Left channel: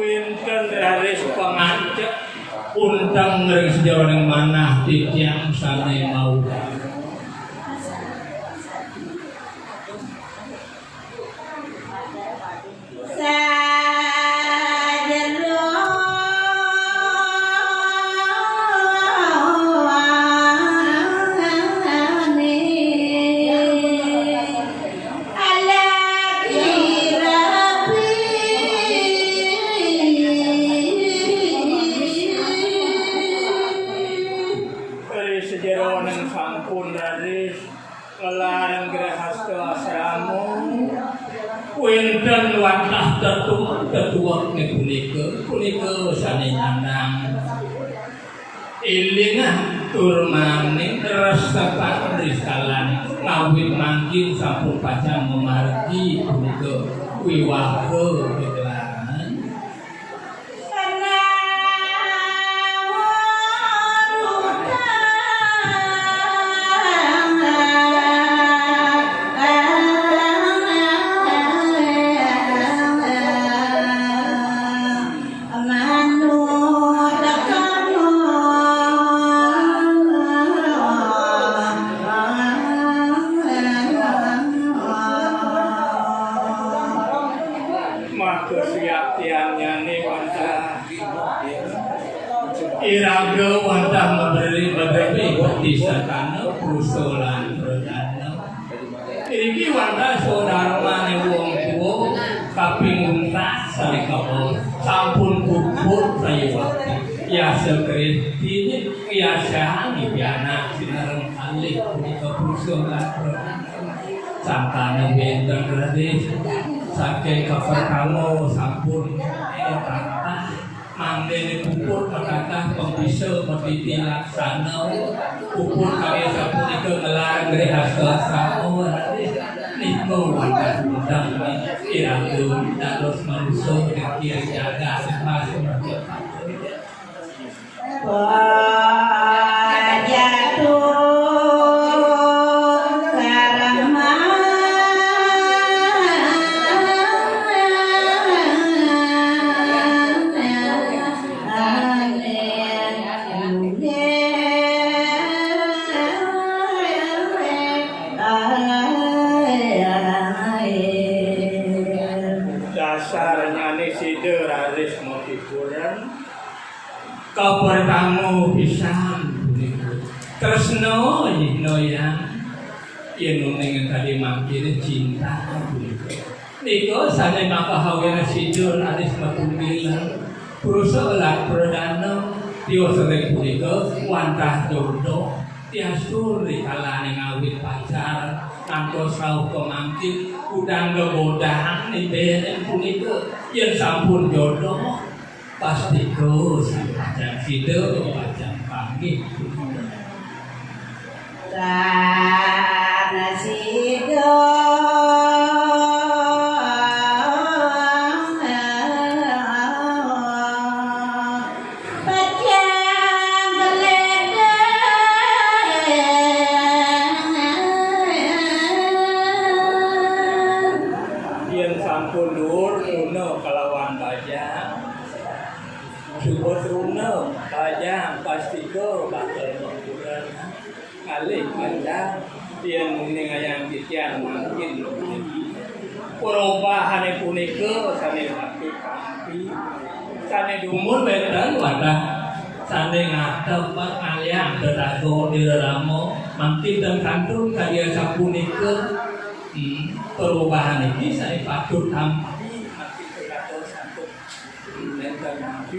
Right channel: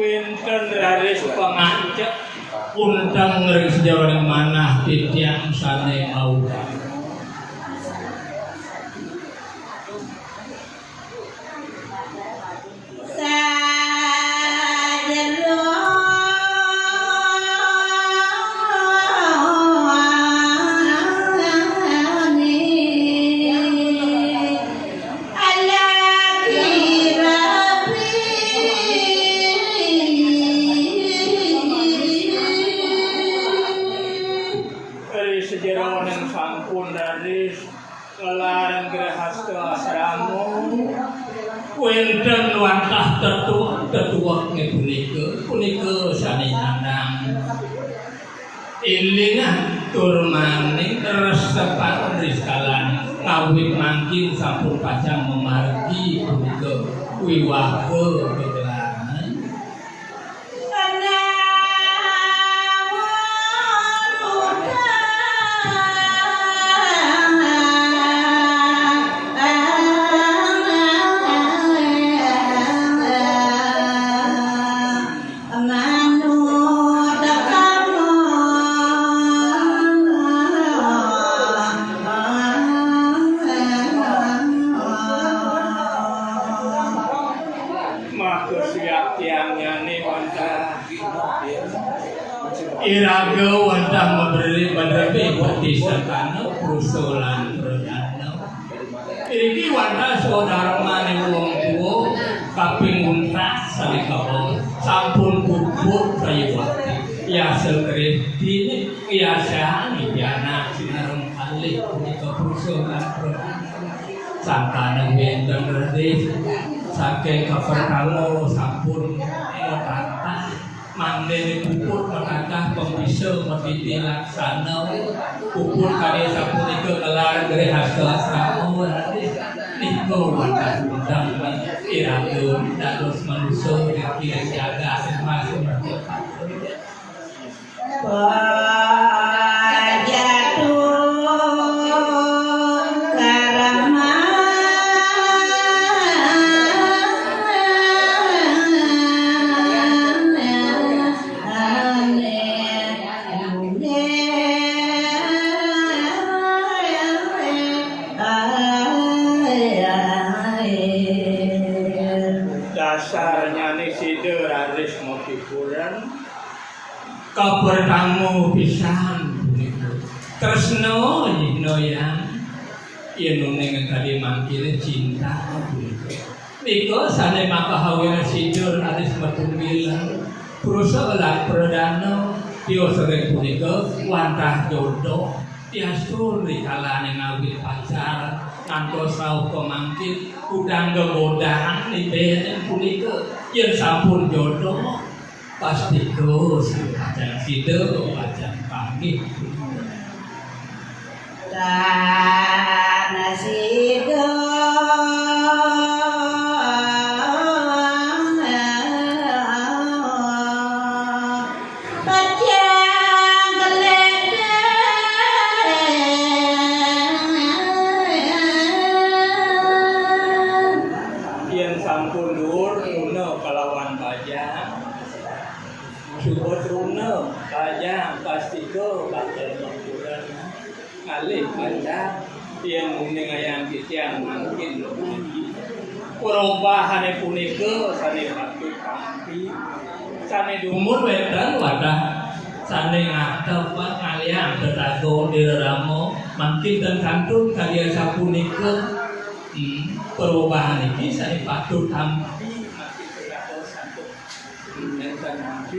winten raris pangancep undang ring sejaroning manah titiang sane mau. Winten wantah tetuak ne punika sane nandang ilingan tur maning resepan riskalan kawit mangkin sampun pacang memargi punika wiwahe gegelaran iraga wantah memberi bukti sertana prusolan perdana iki wantah saudara mane wong tuwa kapinguntas salikawa sampun kubur praywati ya sekreti biasa nyana sinareng kalih punika prusolan perdana sangkane benten redih saking kepertamo sampun mandene pupur menatah pembisa merditi laksana pupur karya sapunika ngelarang dari hasil asramo niko wantah undang iraga dados manusia dikira jaga masuk kapertamu pisan tresno yang yen tadi mangkire cinta niko sane maka hawira sidur aris matunggilan prusa lah perdana tio sering punika wantah jodoh tiasur rikalane ngawit pacaran ngantos rauh pemangkit udang gegodaan ibenen punika yen sampun jodoh pasti terus pacang sido pacang pagi dan sido pacang geledan yang sampun dur kuno kalawan pajang Subot runa pajang pasti ko bakal mengkuran alih pajang yang menyengayan kitian mungkin perubahan punika sane waktu kampi sane dumur wetan wadah sane ngatep kalian tetago diramo mangkin dan kantun karya sapunika perubahan ini sane patut tampi makin tergatos satu dan mampi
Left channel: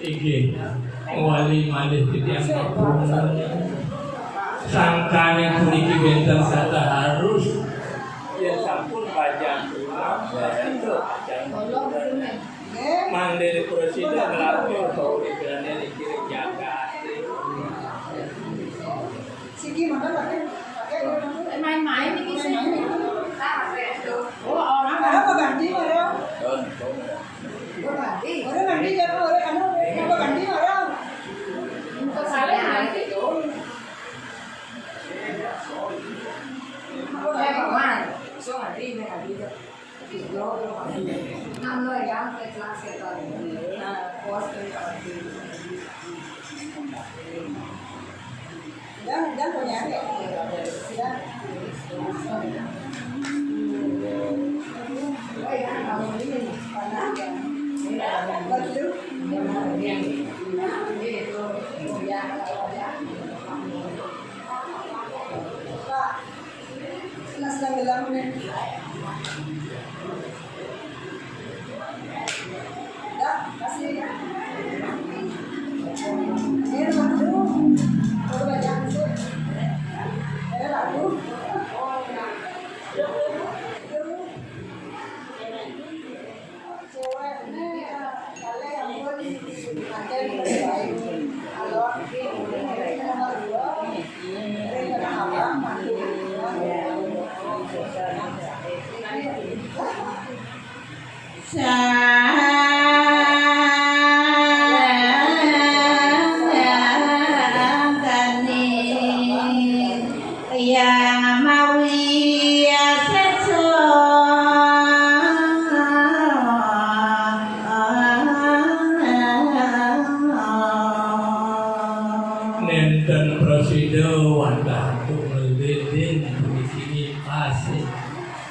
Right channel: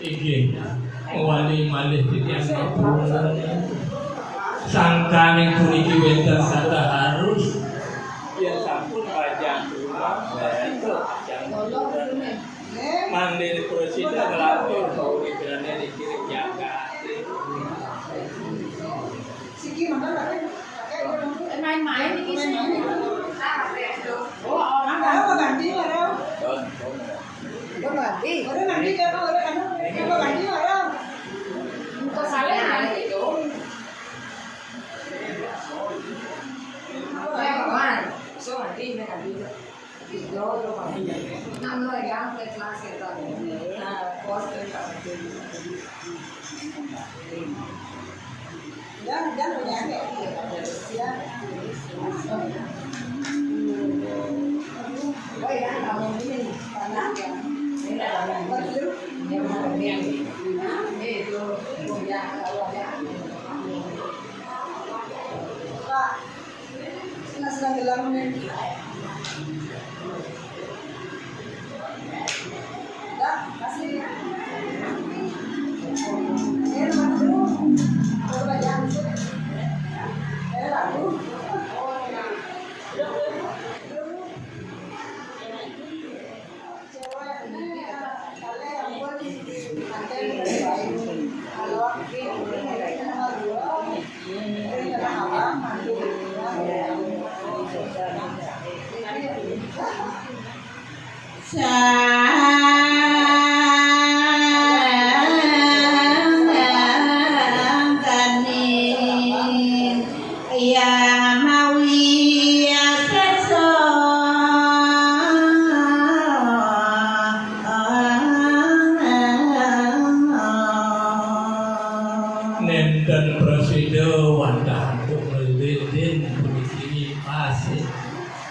iki wali malih titiang kepunan sangkane puniki wenten sada harus Yang sampun pajang rumah, itu pajang rumah. Mandiri presiden ngelatur bahwa ibaratnya dikirim jaga. Main-main ini sih. Oh, orang apa ganti orang? Ganti. Orang ganti ya, orang ganti orang. Untuk saling nanti dong. So ganti ganti. Video lo ganti. Nama yang kelas kita ini. Post kita ganti. Jangan punya. Ya. Oh ya, kamu ini panas ya. Ini ada yang baru. Yang ini itu yang awalnya. Pak, senang dalam ini. Ya, kasih ya. Ini dulu. Coba jangan sih. Lalu. Nenten presiden wandah melilin di pasti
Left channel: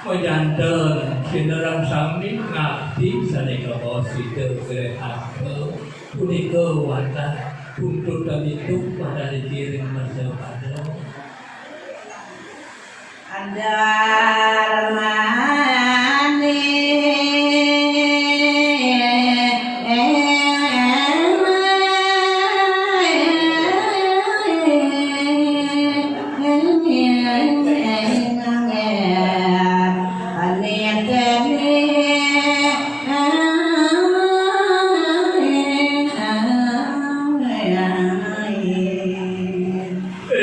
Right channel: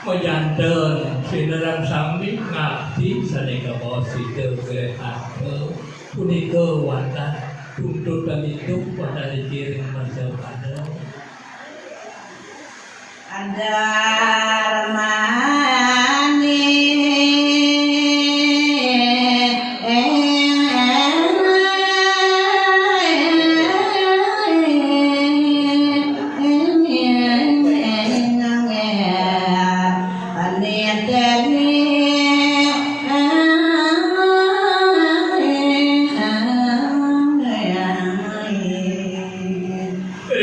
mojanten sinarang sami ngabdi sanika posite grehape punika wandah tuntutan itu pada dikirim masepado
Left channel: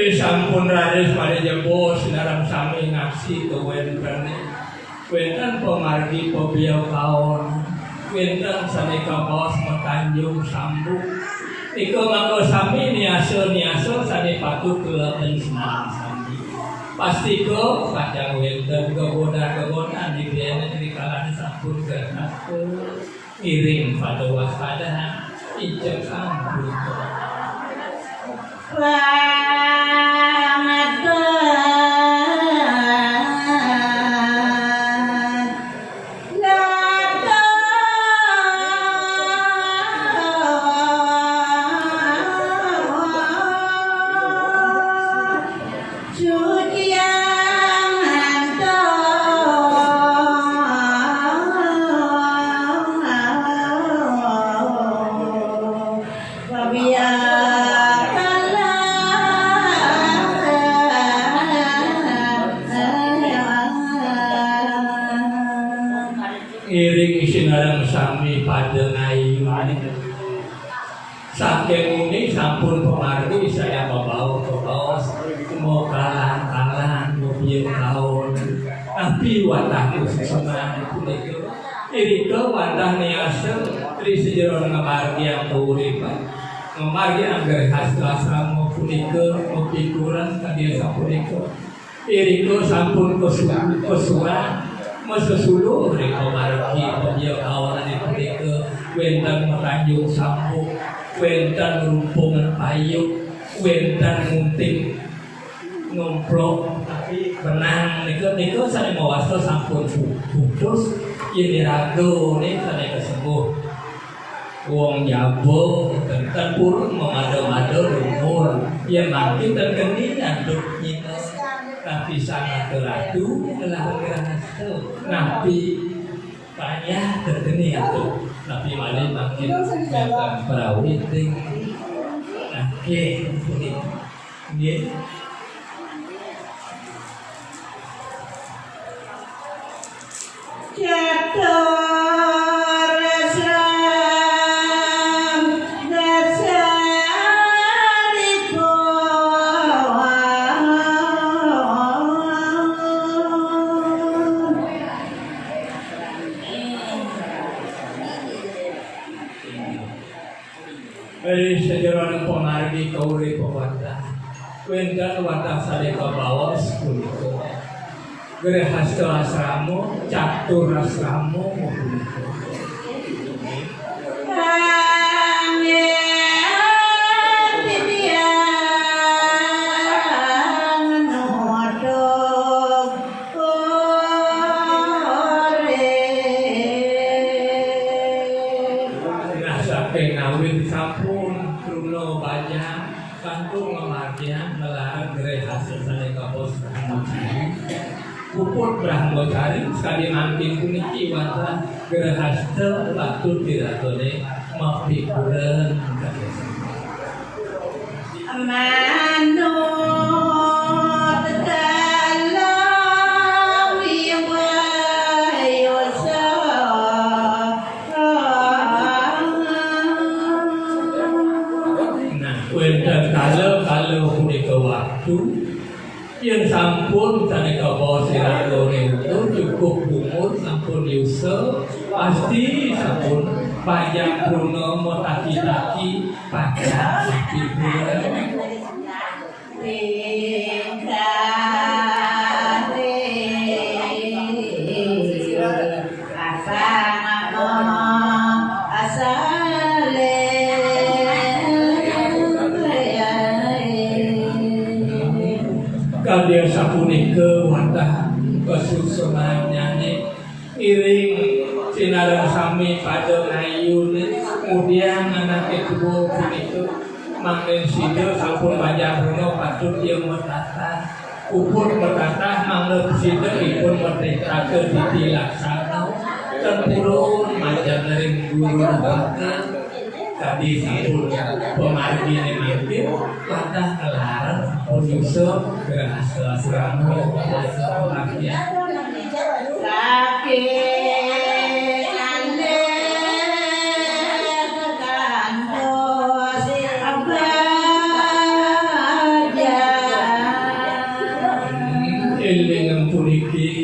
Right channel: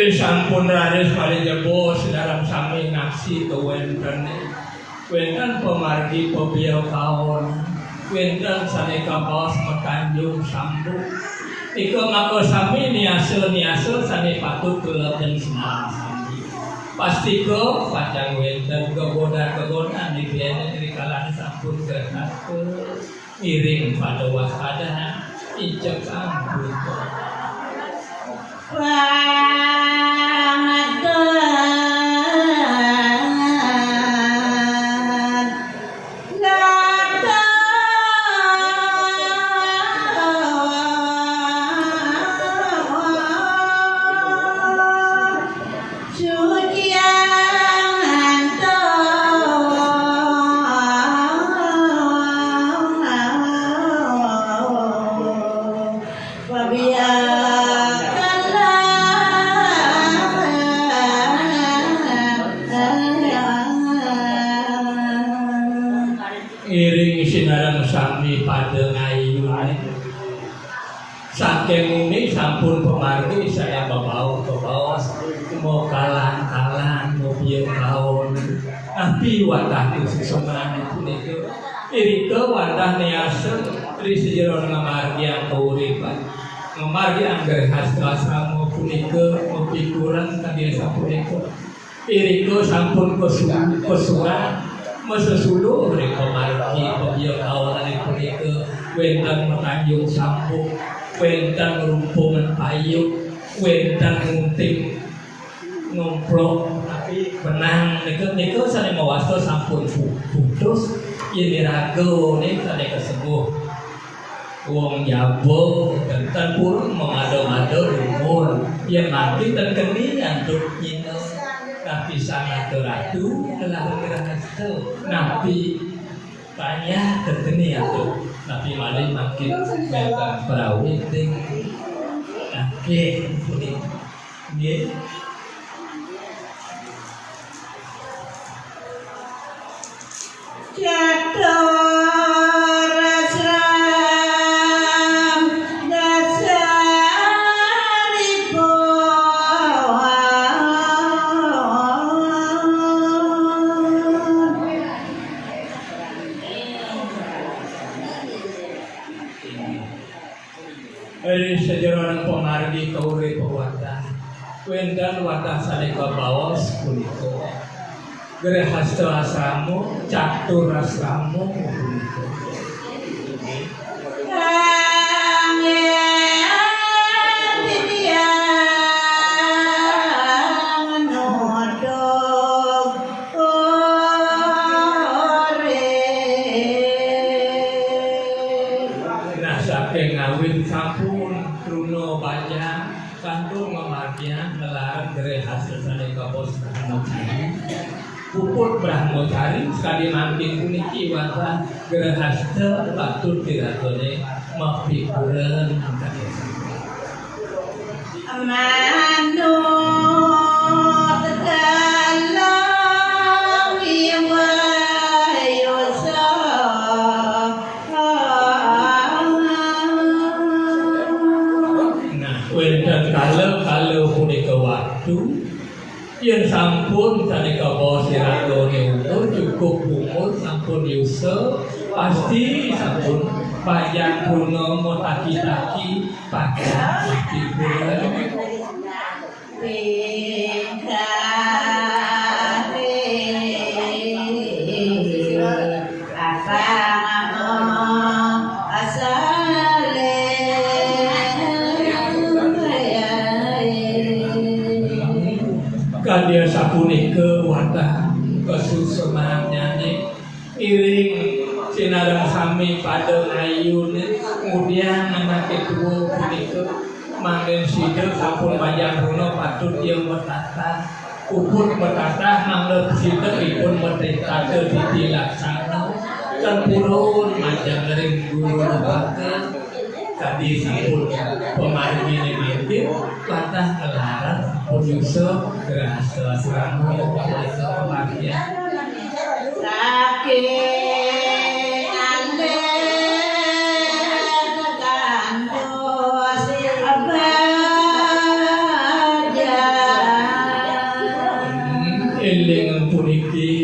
sampun raris pada jebo sedaram sami ngaksi kewenten wenten pemargi pebiau kaon wenten sanika paos mekanjung sambuk iko mako sami niasel sami patut kelaten senang sami pasti ko padang wenten keboda di biana di kalangan sampun gerhake iring pada waspada ijek ampun iring sinarang sami pada ngayuan saking muni sampun pemargi saya bawa mau kalan mau biar kaon tapi wadah sesuatu punika irika wadah niasa tri sejeron ngamargi atau uripan ngamargi anggar hasra mau punika mau pikuran kadiasa punika irika sampun kesuwan mesesulu mereka margi pebiau kawanan itu ke wentang metanjung sambuk wentang rumpungan payu wentang ngunting ngomplok tapi benang niku saling mewasta sampun putus ini ragu nih saling kesembuh uang jabo dan purun memado-mado lumur yang mati dan keningan untuk nyina tapi sangat teradu telah berhasil nabi banyak terkini atau nabi malah makin datang perawit dengan ini kadi kauri pawata wenten watah sanika bawas punika Grehasta asramo catur asramo punika sampun Bruno Bajang kantun ngamartian melarang Grehasta sanika bos puput Brahmacari sekali manting puniki wata Grehasta patut diratone mapikureun Mano tegalang yang wayosa wenten kalau punika waktu yang sampun sanika bos siratone itu cukup umur sampun yusa pasti sampun pajak puno motaki-taki pajak pikiran kadia sapunika watah kesusunannya iring sinareng sami pada ngayun kemudian anak itu punika manggen sideu sampun pajak puno patut ieu metata upun metata manggen sideu dipun metetakeun dilaksana tempurun majang lering guru bakal kadi sampun pemargi mimpi patah kelarang penyusup Grehasta asramo pemargian saking ande kantos abaja eling puniki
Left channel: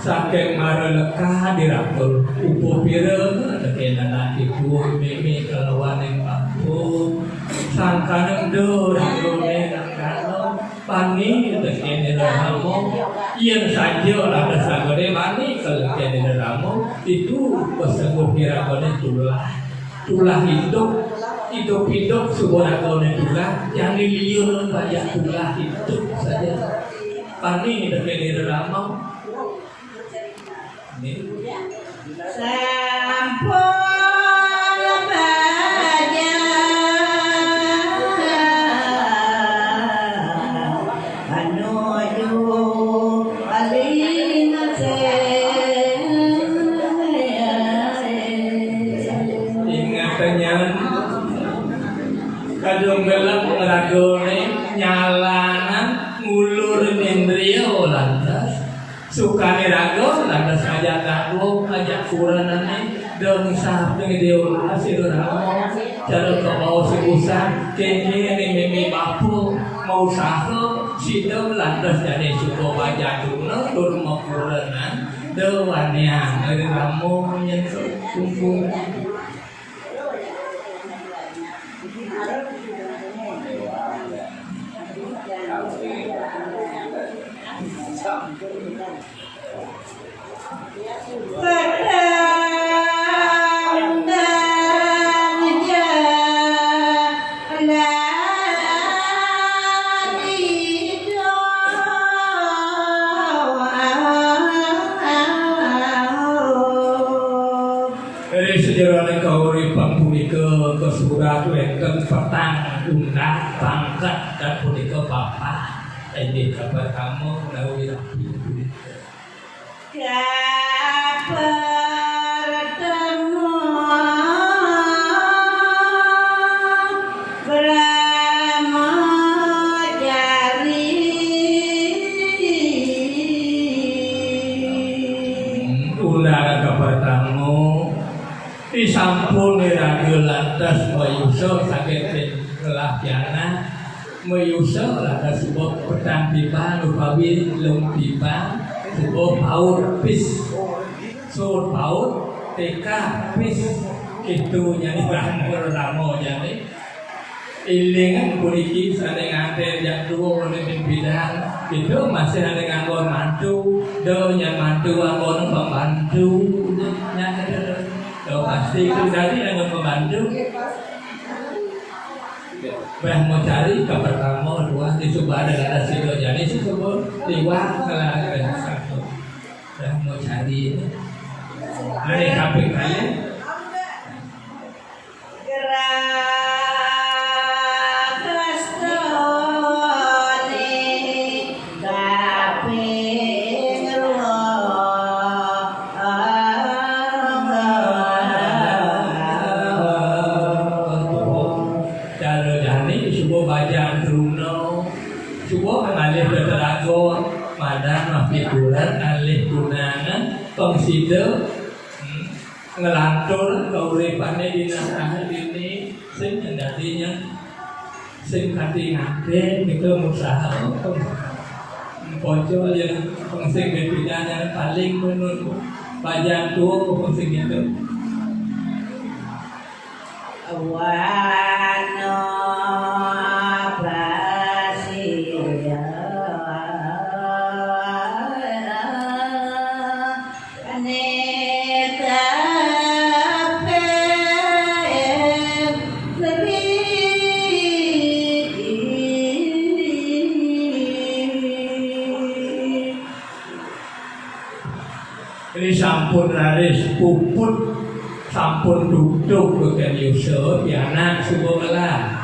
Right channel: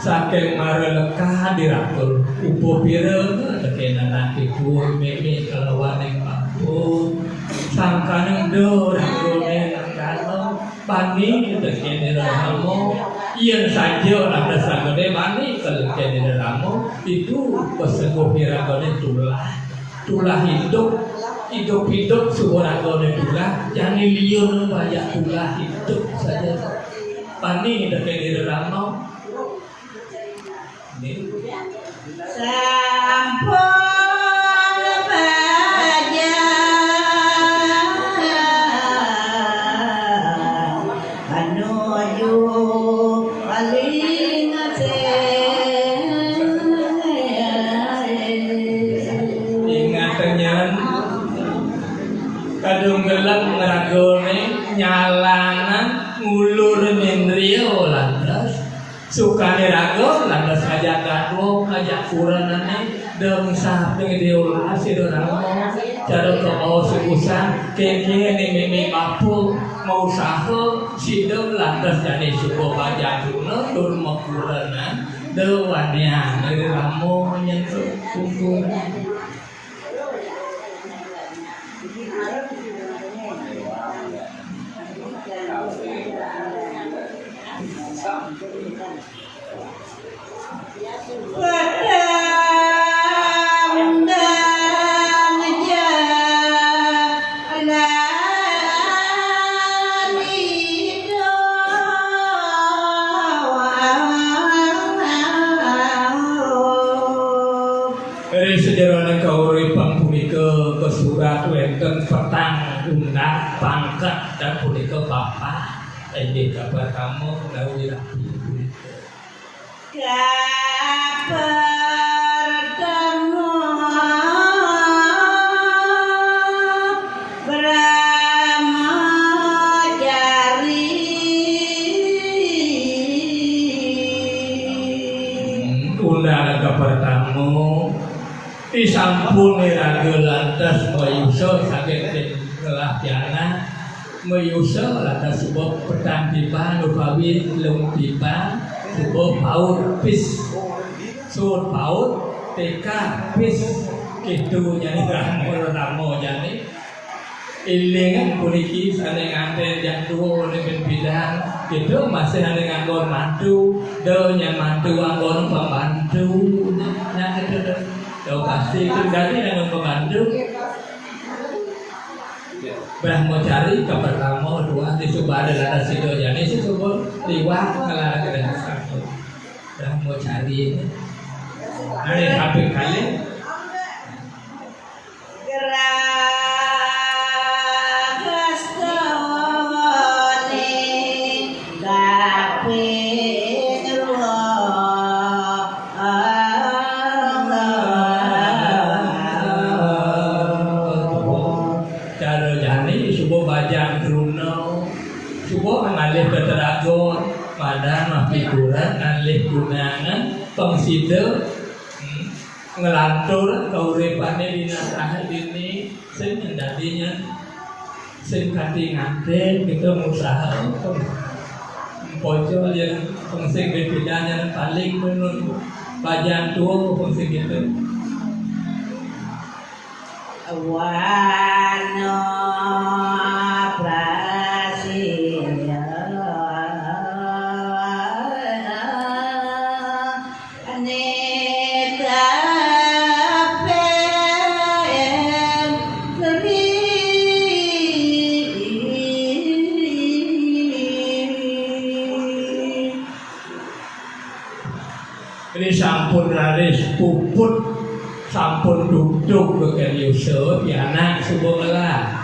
saking mareleka diratul upo pireng tekenan ati kuwi meme kalawaning kampung sangkaneng do ragone kano pani tekene ramo yen saja ada sagede pani tekene ramo itu pesepuh piragone tulah hidup suboragone tulah jangan liur banyak tulah hidup saja pani tekene ramo sampun baja anuju paling ingatnya kadung gelap ngeragone nyalanan ngulur mendrio lantas sukane rago lantas aja takwo aja kuranane dong samping diul hasil ramo cara mau sebusan kene meme papu mau saho sidem lantas jane suko baja dulu dur mau kuranan dewannya dari ramo menyentuh kumpul dari sejarah kauripan punika kesurat wenten petang unggah pangkat dan punika bapak ini kabar kamu dawi rapi kabar kamu Brahmacari undangan kabar kamu disampun radio lantas mayuso sakit telah jana mayuso lantas sebuah petang pipa lupawi lung pipa sebuah paut pis sur paut TK pis gitu jadi ramo jadi ilingan puniki sane nganten yang dua ini bidang itu masih ada nganggon mantu do yang mantu nganggon pembantu nah itu do pasti itu dari nganggon pembantu mau cari ke pertama dua di coba ada sido jadi sih coba liwat kalau ada satu mau cari ada kabeh kalian figuran alih gunangan pengsido ngelantur kauripane dina saha dini sing ndadinya sing kanthi nganten itu usaha pojol yang sing bidangnya paling menurut bagian tua sing gitu wano ini sampun raris puput sampun duduk bagian Yusuf ya anak subuh melah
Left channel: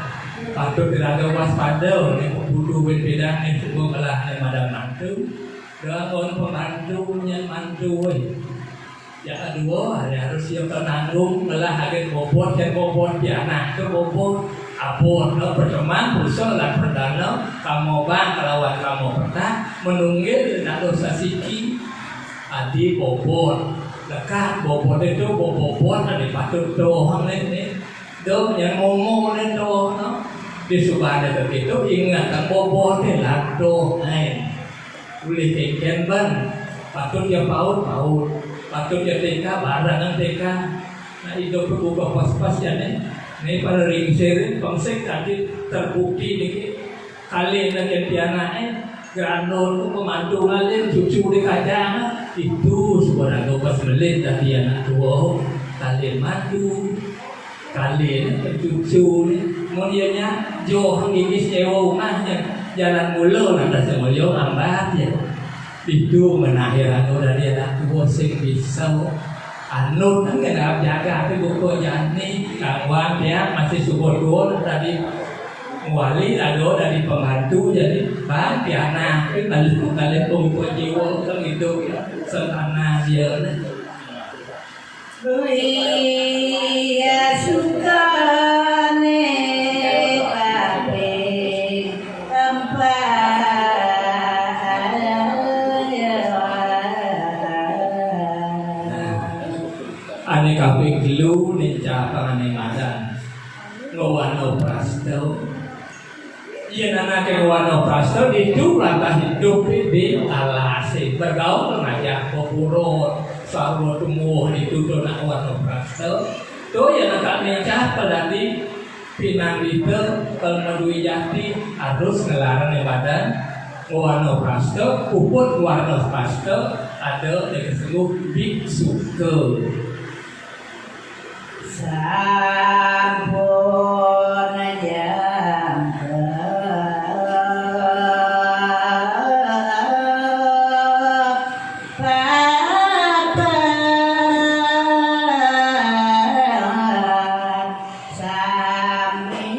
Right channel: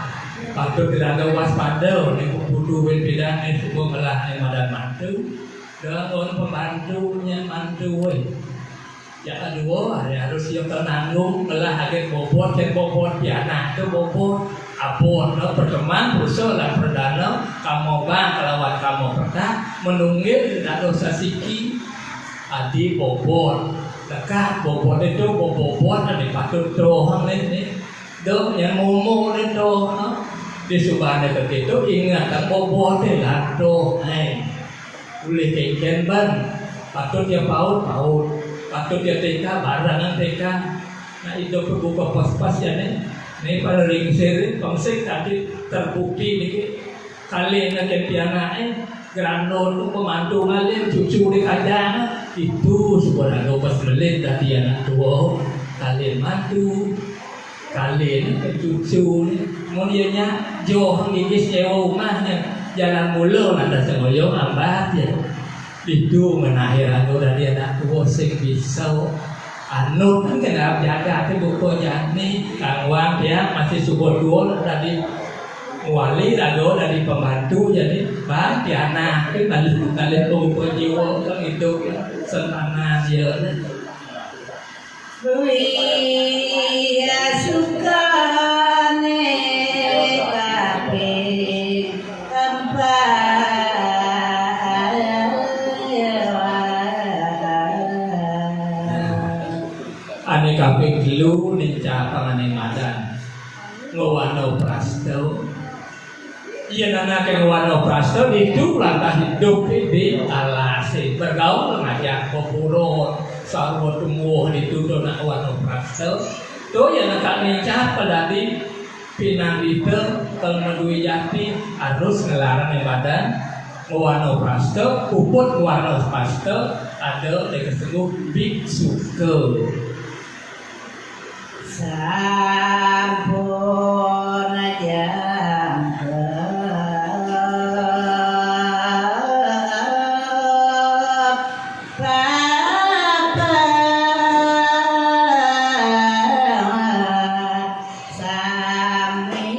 patut tidak waspada nih budu beda nih subuh melah yang ada mantu dengan pembantunya mantu ya kedua harus siap tanggung melah agen bobot dan bobot ya anak ke bobot apun no perteman usul dan perdana kamu bang kelawan kamu pernah menunggil dan dosa siki adi bobot dekat bobot itu bobot ada patut doang nih do yang ngomong nih do di subahnya begitu ingat kan bobot nih lah do boleh keken ban patut dia paut patut dia TK barangan TK nah itu berbuka pas-pas ya nih pada ringsir pangsek tadi terbukti nih kali nak piananya grandol pemandu ngalir cucu di kajang itu sebenarnya pas melit tadi anak tua kalian madu kalian cucu kemudiannya jauh gigis nyewa rumahnya jalan mulu ada semuanya ambat ya itu menakhir anu dari anak tua sing bisa anu kan kena jaga tapi buku jani kawan dia masih subur dua tadi wali lalu dari pembantu jadi bagi anak itu kalian tunggu jiwa kan itu senana dia ya suka tapi ane kabeh gelu nica pangane madan ngowano prasto iya nana ke ngowano prasto hidup langkah hidup di alase bergaul ngajak popuro sarwa tumuh itu dona ngowano prasto to ya nak nica pada di pinang itu kelmadui jati harus ngelarang badan ngowano prasto puput ngowano prasto ada yang disebut biksu ke sampun jangka papa sami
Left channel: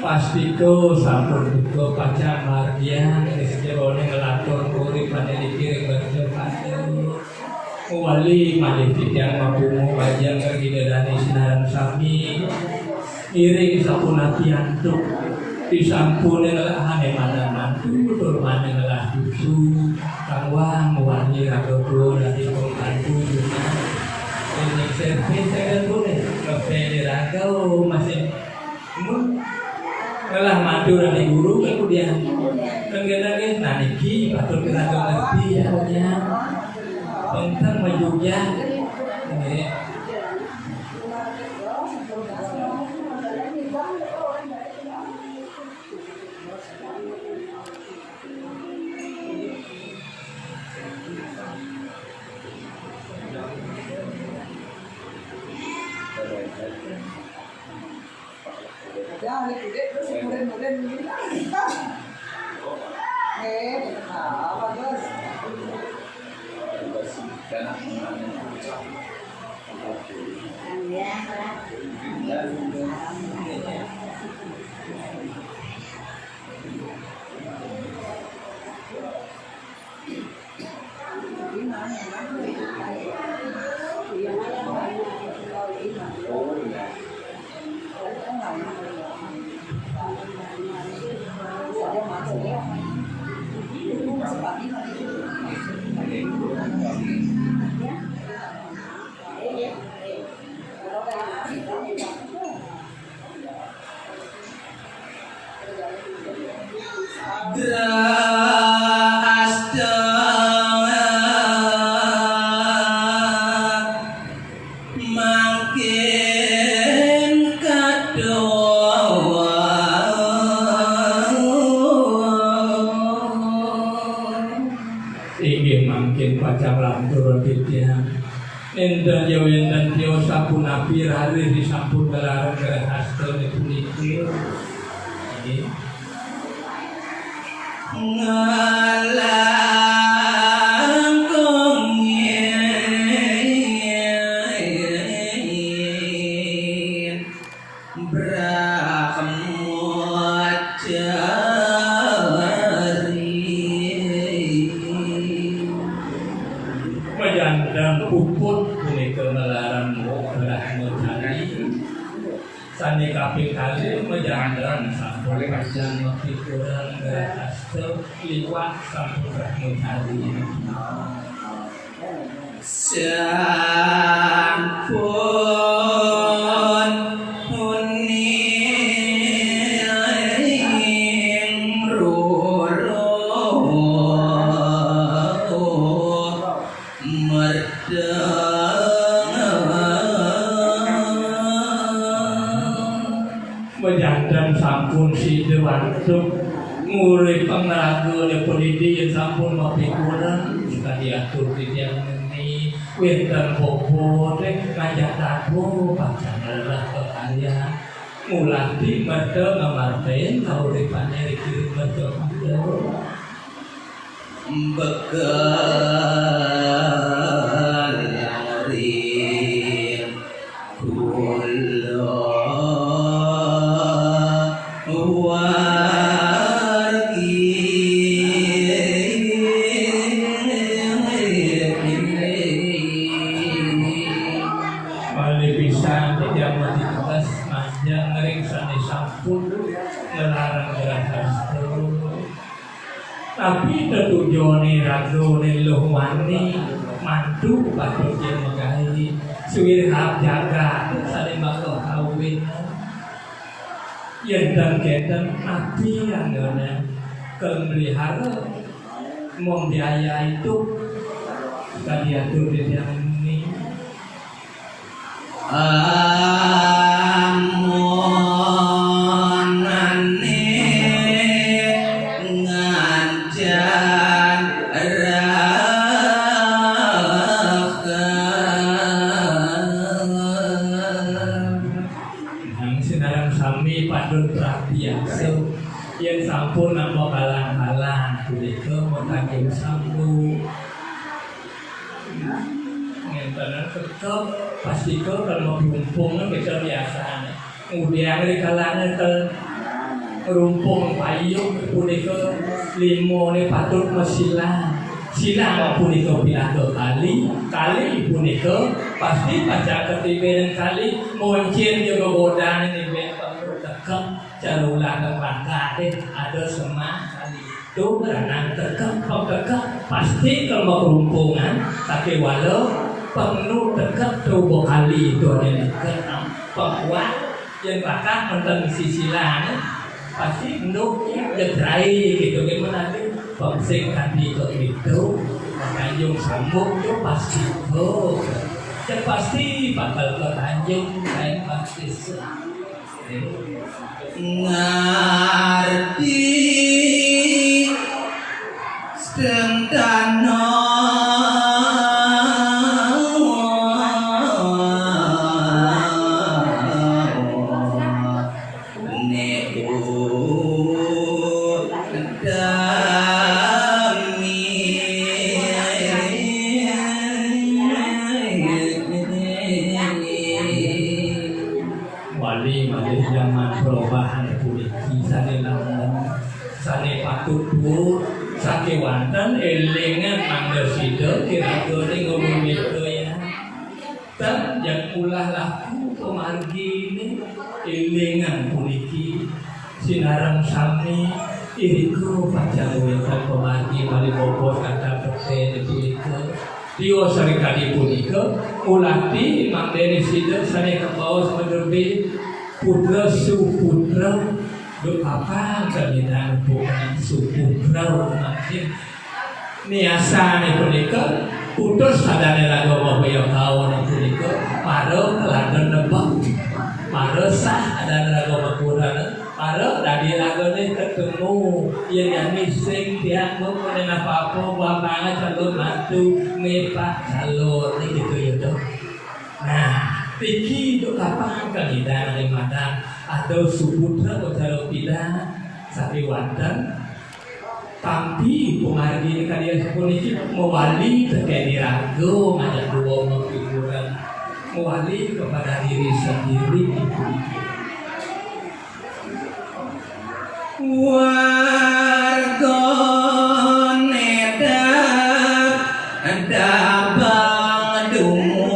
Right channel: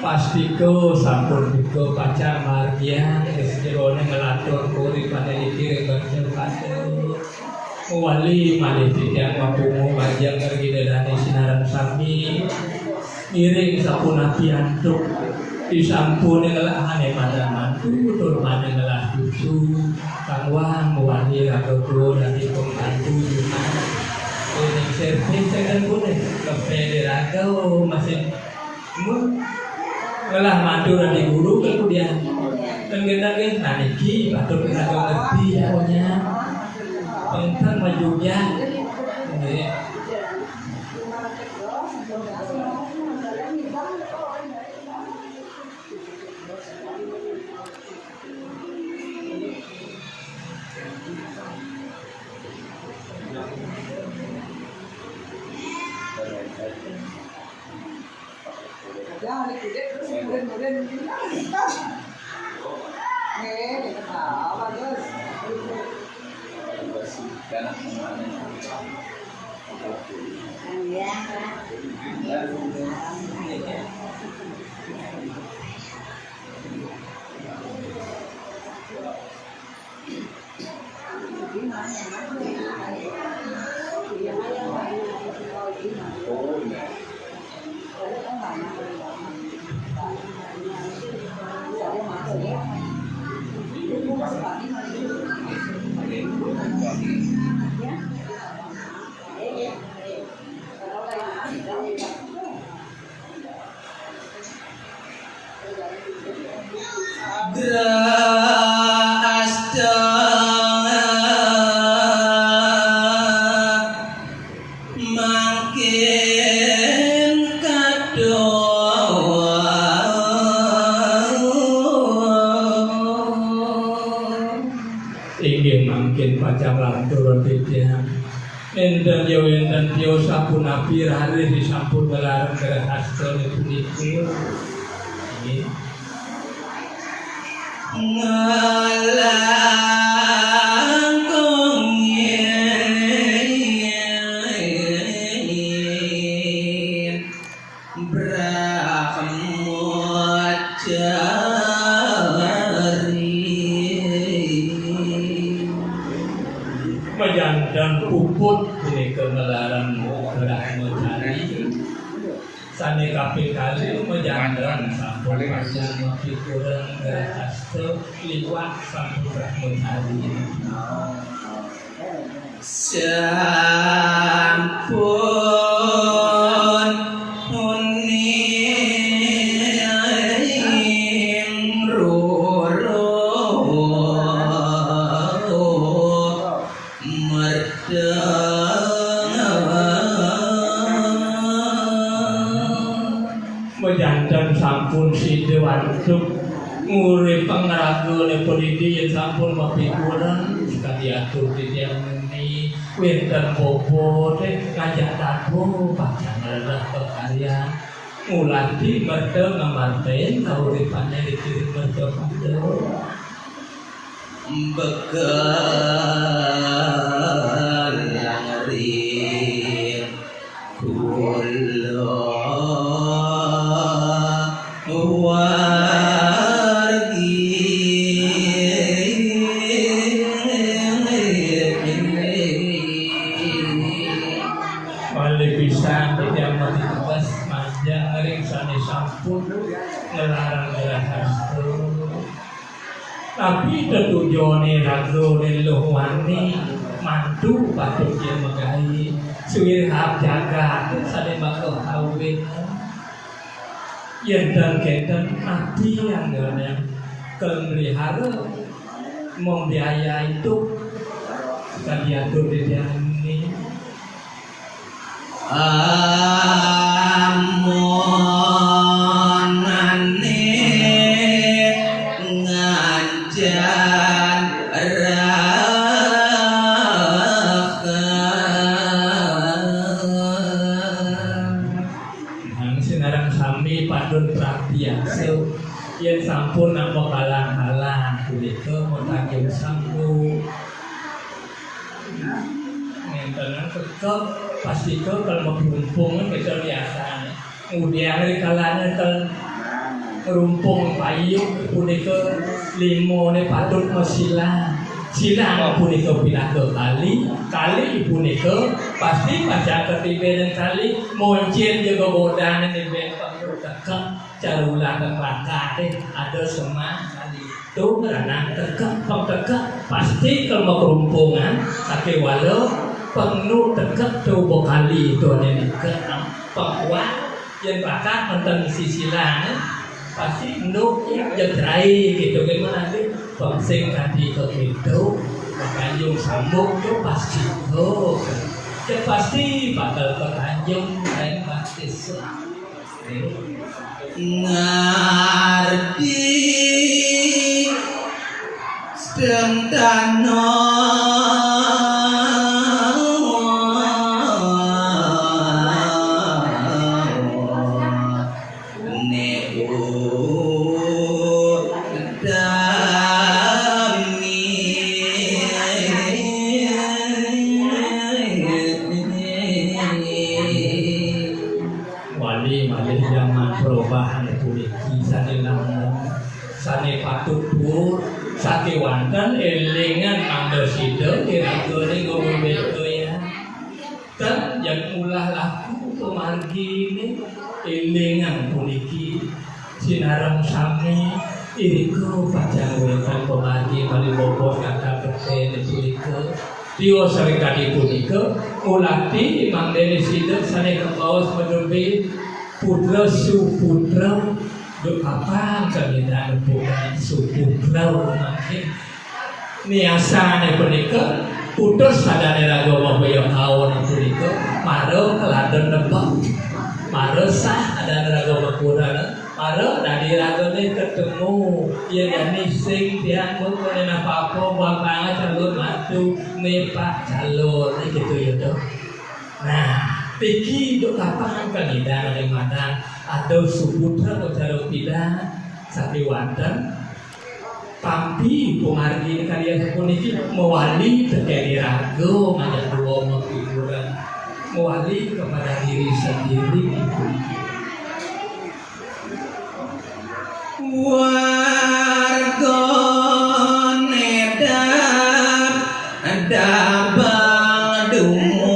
pastiko sampun buka pacang margian sejerone ngelatur kuri paneli kiring berjur wali malih yang mapungu bajang kergidadani sinaran sami iring sapuna piantuk disampun ngelahane pada mantu turmane ngelah dusu kangwang wali ragodo dari pembantu juga ini saya boleh kafe di ragau masih ngelah mantu dari guru kemudian kemudian naniki batur kita ngerti ya pokoknya tentang majunya nih. Jangan dikudet terus kemudian apa terus? Enten yo enten yo sampun nabi hari disampun gelar hasta niku nggih ngalangkung yen dan puput ini kemelaran rahmatani sani kapil kali menjangan sampun panjang pikiran hasil liwat sampun rahmatani sampun huning roro menjantan sampun si dewantuk ngurip pengaragul polisi yang sampun mapikuran jika diatur di yang ini winten bobo dek ngajak tabu pacar adalah pekarya mulati betul ngamarten nguripannya dikirim betul bekal yang rin kulo wargi bisa tidak menditas panjang ngering sani sampun ngelarang gerakan tapi tetujone ragone lohwani mantu patut dia megai suwir hab jaga sane bakal kawin yen dan kenten nabi anggone kemelihara membiaya itu kita diatur di dalam ini yang sampun nama halang-halang begitu mentanggil sambu ngentenan kekal pasti kau kalau mau rumpung kita biasa kemudian dari kalangan rumpung payung punika limo ne patut mesilang silang punika pidato kali punika pasti pada ketiga kali moncin juga bodan ini bentuk tekan carulah kembangka ada semua kali itu beranang tekak pasti kalau kerumpungan tapi walau penuh tekak tubuh kali itu ada dekat pekuat yang bakal menang sisilan pasti nuk jebrai gitu gimana sih pengsing tadi itu makanya sambung itu pasti pasti bakal ketanjung lain pasti ngerti sedentano perubahan polisi sane lanang sane patut bu sake wanten elingan angger sida kira-kira ngomong beto ya kan yang ulah laku pemargi ini elingan polisi sinarang sami iriku pacawetan pemargi bali bobo kata persen iriku Dio serikali punika ulati mangdene sida sane kaos menerbit putra suputra berpapa kalian bukan suputra makin niasane punika putus sadane agama kaya kaon punika paro teladan nebak paro sah ada agama Quran paro dari ragone ketemu yen yani sing tiang mungkin apa-apa bapaknya calon mantu nepak calon gitu ya toh. Nah Piki itu kapan kandidat dari mana atau subutra atau tidak sapi wanten pampi pengargi karya politik mewali terkait ragu ada dua pemikiran mewali kepada diri sendiri warga nedap dabang dungu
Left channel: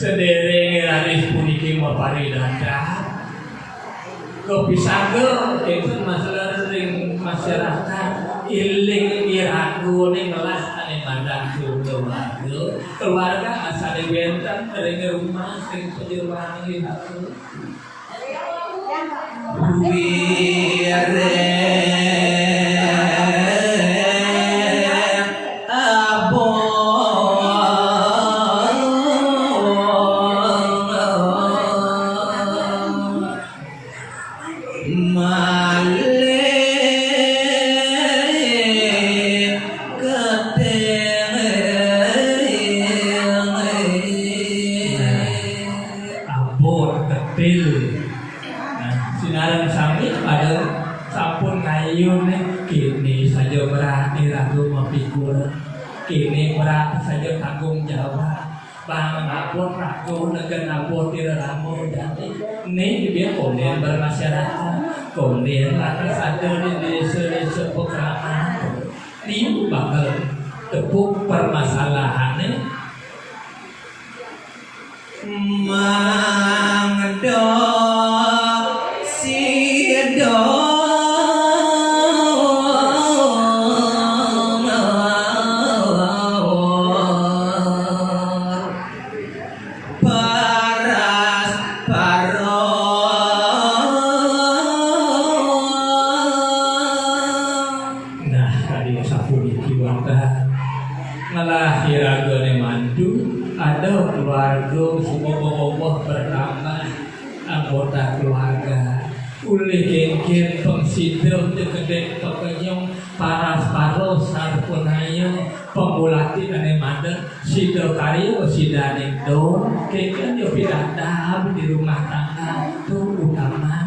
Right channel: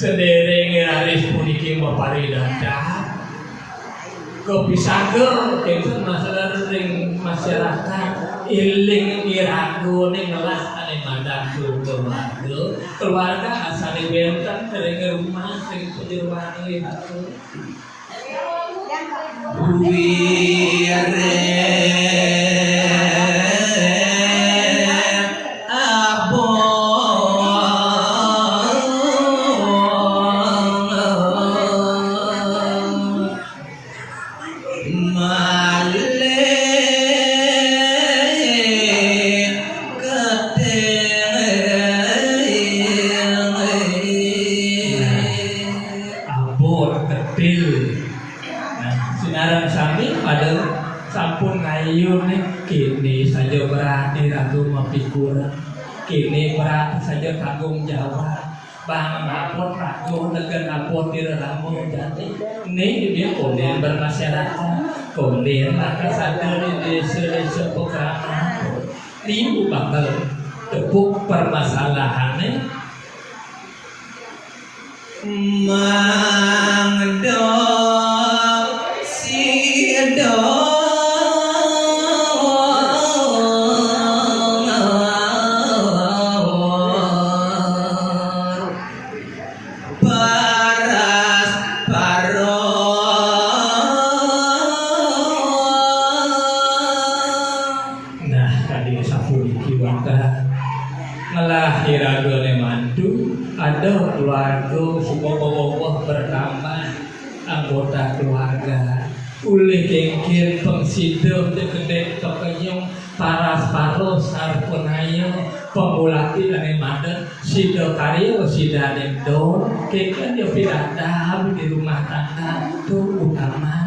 sedereng aris puniki maparidada kepisager enten masalah ring masyarakat iling iragu ning lah ane mandang keluarga asale benten ring rumah sing penjeruane aku kini berat saja tanggung jawab bang apot ragu dengan apot tidak ramu jadi ini dia kemudian bermasyarakat kemudian maka sadar di desa pekerjaan ini bakal tepuk permasalahannya mangdo sido anggota keluarga ulih dengkin pengsido tegedek pekenyong paras-paros sarpunayo pembulati dan maden sido karyo sidane do kekan yo piradam di rumah tangga itu utama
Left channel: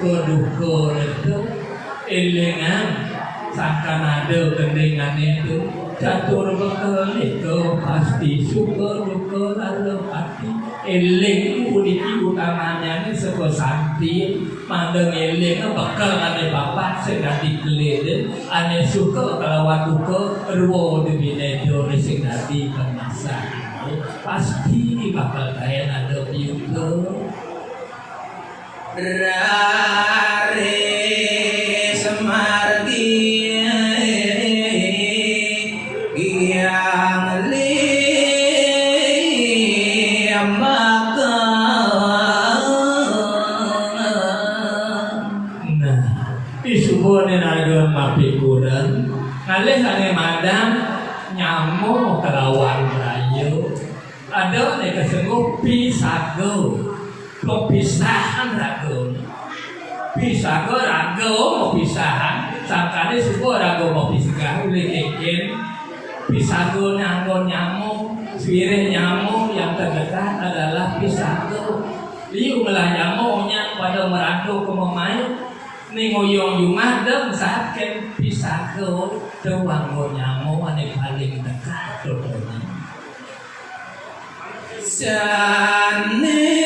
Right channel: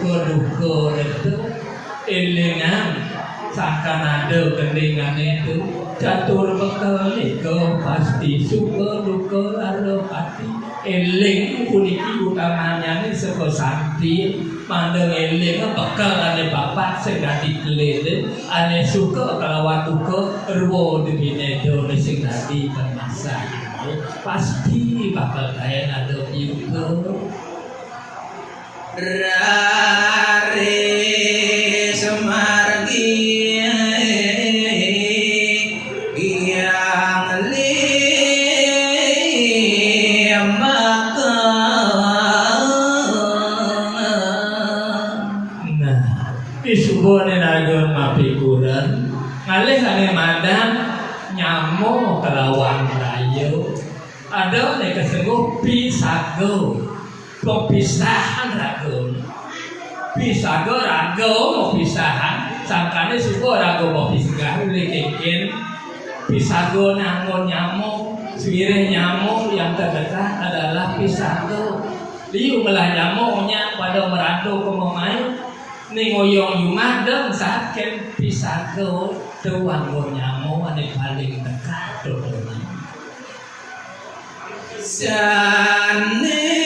suka-duka itu elingan seakan ada kendingan itu catur bekal itu pasti suka-duka ada pasti eling puniki utamanya ini saka santi mandeng eling bekal ane bapak sing dadi glede ane suka kelawan duka ruwo dibine done sing dadi kemasan pasti bakal kaya nado juga rare semargi yang isubone naga mapikuran kalih sange madang nyamuk kelawan rayo ada nek kesengguh pisago kepisahan rago pisago rago mau pisahan sangkane suko rago mau pisah likikin pisago nyamuk sirih nyamuk yang terdekat adalah pisago liu melah nyamuknya pada merantau ke momai ning ngoyong rumah dong sakit pisago doang nyamuk ane paling dekat doang sane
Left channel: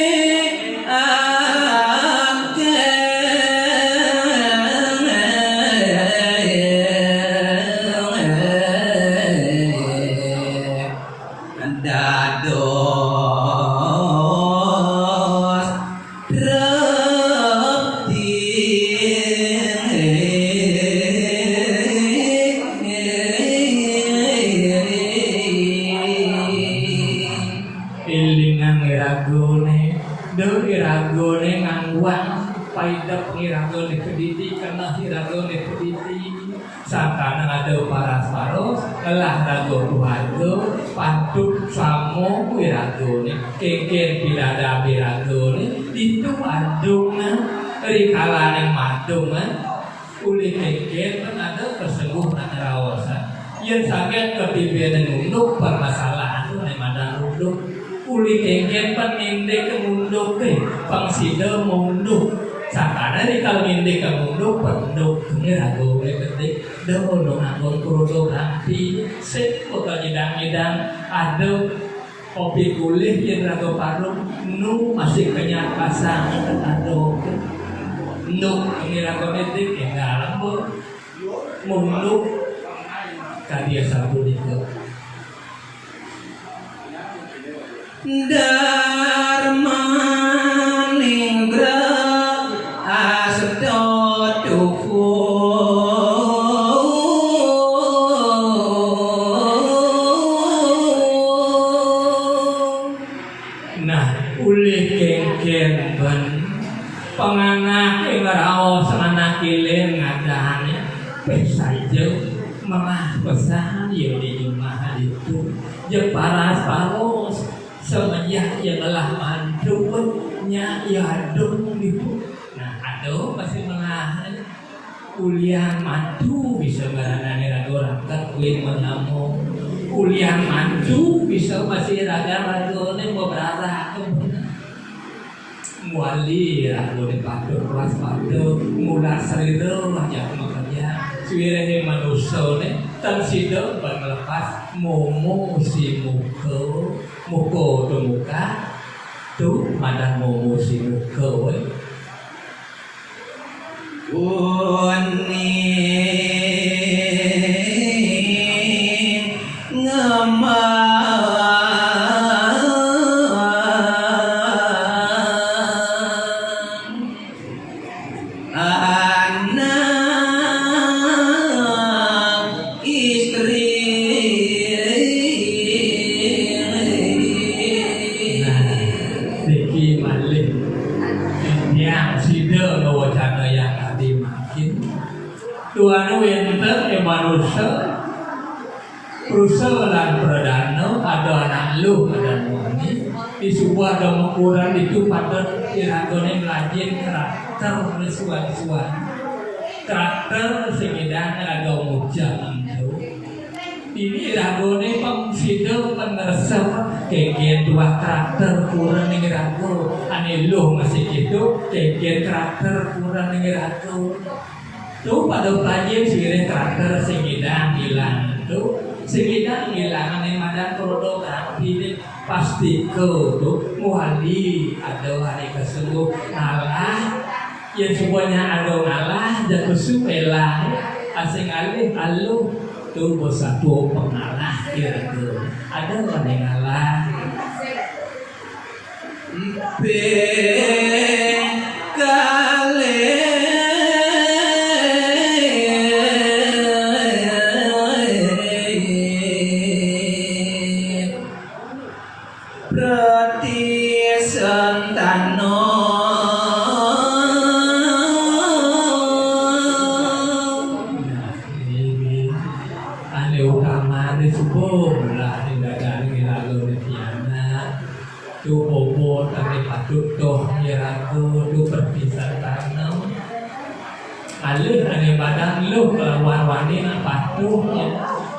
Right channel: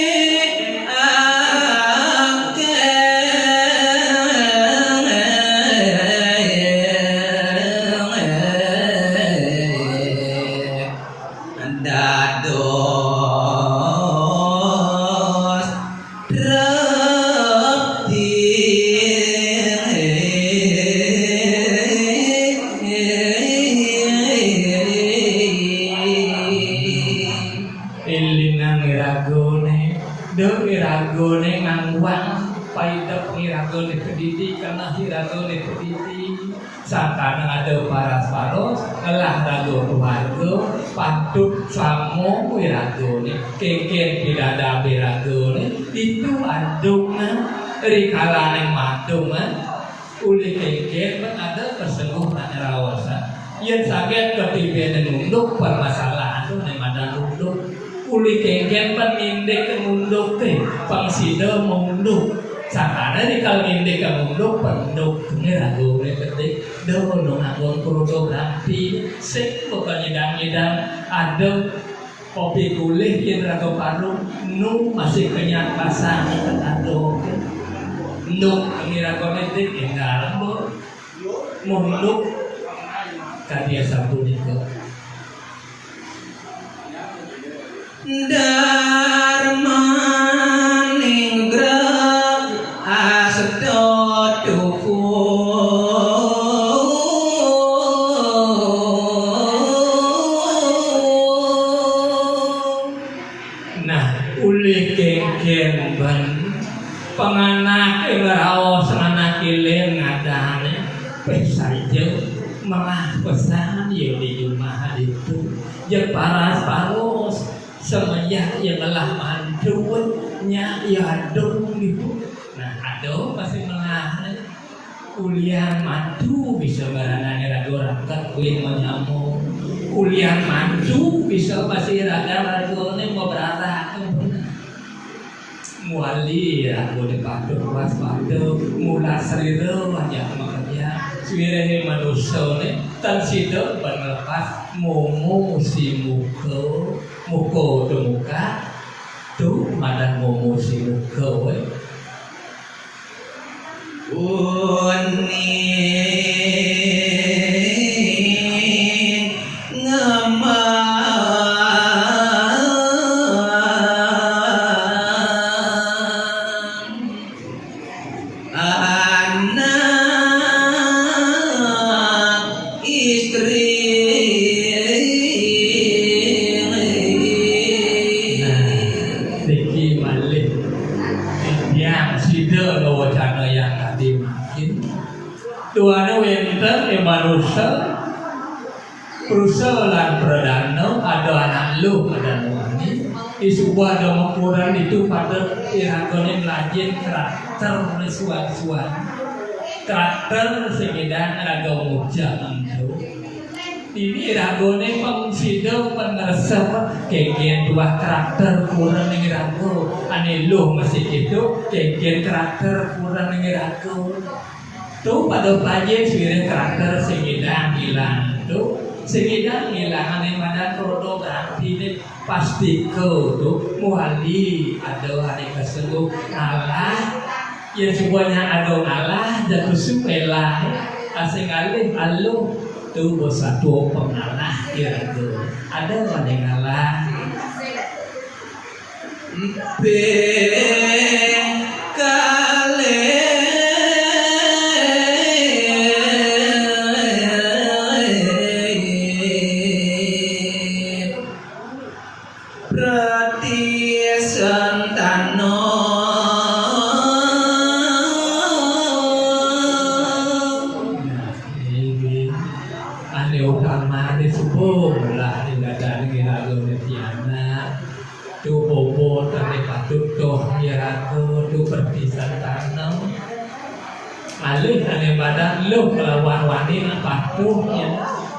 Panduk samo wiragone kengken pilada wiragone itu adungan rikalanan madungan uli kengken ada kesembuhan rawosa yang sampai ketibianan munduk permasalahan itu nemadan munduk uli kengken penindek munduk pangsida munduk sakana rikal indek munduk penduk wiragone ketik dong agon kurudo ganti sip pokoknya nyedang ada kopi kulih yang raga parung nu masih kenyang pasang ada nu ini raga medik yang lembur munduk kadia satu itu dharma ninggra asedot tuku penganak raos anak kilen ngadane saja malah pesan ya di rumah itu ya paras semenjak ya telah mandunya ya dong itu nah aduh masih malah kuliah mandu bisa meranani ragu rangka kuih mau nyamuk kuliah mandu bisa masih ragu mau berarah muali ya lo dipakai kelas pada mula serida aja makanya suwirene manusia ne tan sida berlepas momo si muka tu muka tu madang momo si muka Tuana winter manusia Prusa lan perdana ada anak lu ada wangi di sebuah demokuran itu pada iragone melajin karakter suan-suan karakter segedang raga mujan itu ini iragone pengsido penersa kengken dua karakter kurang ning rago ane lu masih gitu kengken karakter kurang ning rago tuh pada pelajar sebenarnya karakter segedang hilang tuh sehingga ngilangan yang madan krono berarti pasti kau tuh muali ada hari keseluruh ngalah yang semuanya ada ngalah jatuh supela asing alih alu tuh satu pengalah gitu ada orang yang ngalah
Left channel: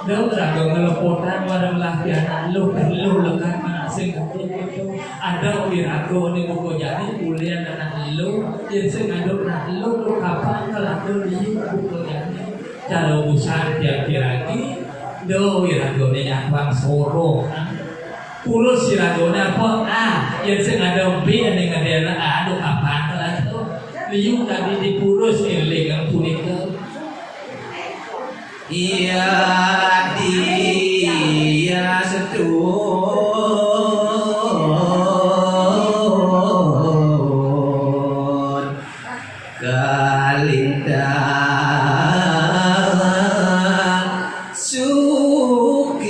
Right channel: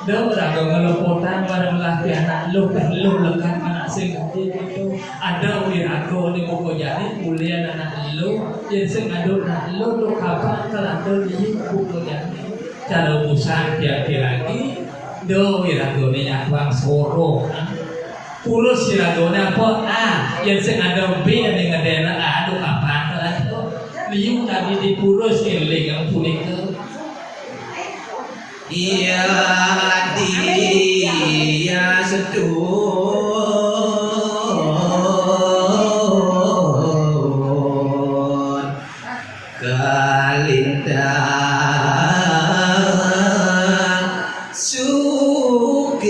Đâu là người ngelepotan pada latihan lu lekan anak sing itu ada di aku di buku jadi kuliah anak lu yang sing ngadu anak lu kapan kalau di buku jadi cara usaha tiap lagi do wiragone nyakwang soro pulus wiragone apa yang sing ada B yang ngadena aduh kapan kalau liu tadi di pulus iling yang punika Iya dia sedun kalintang sugeng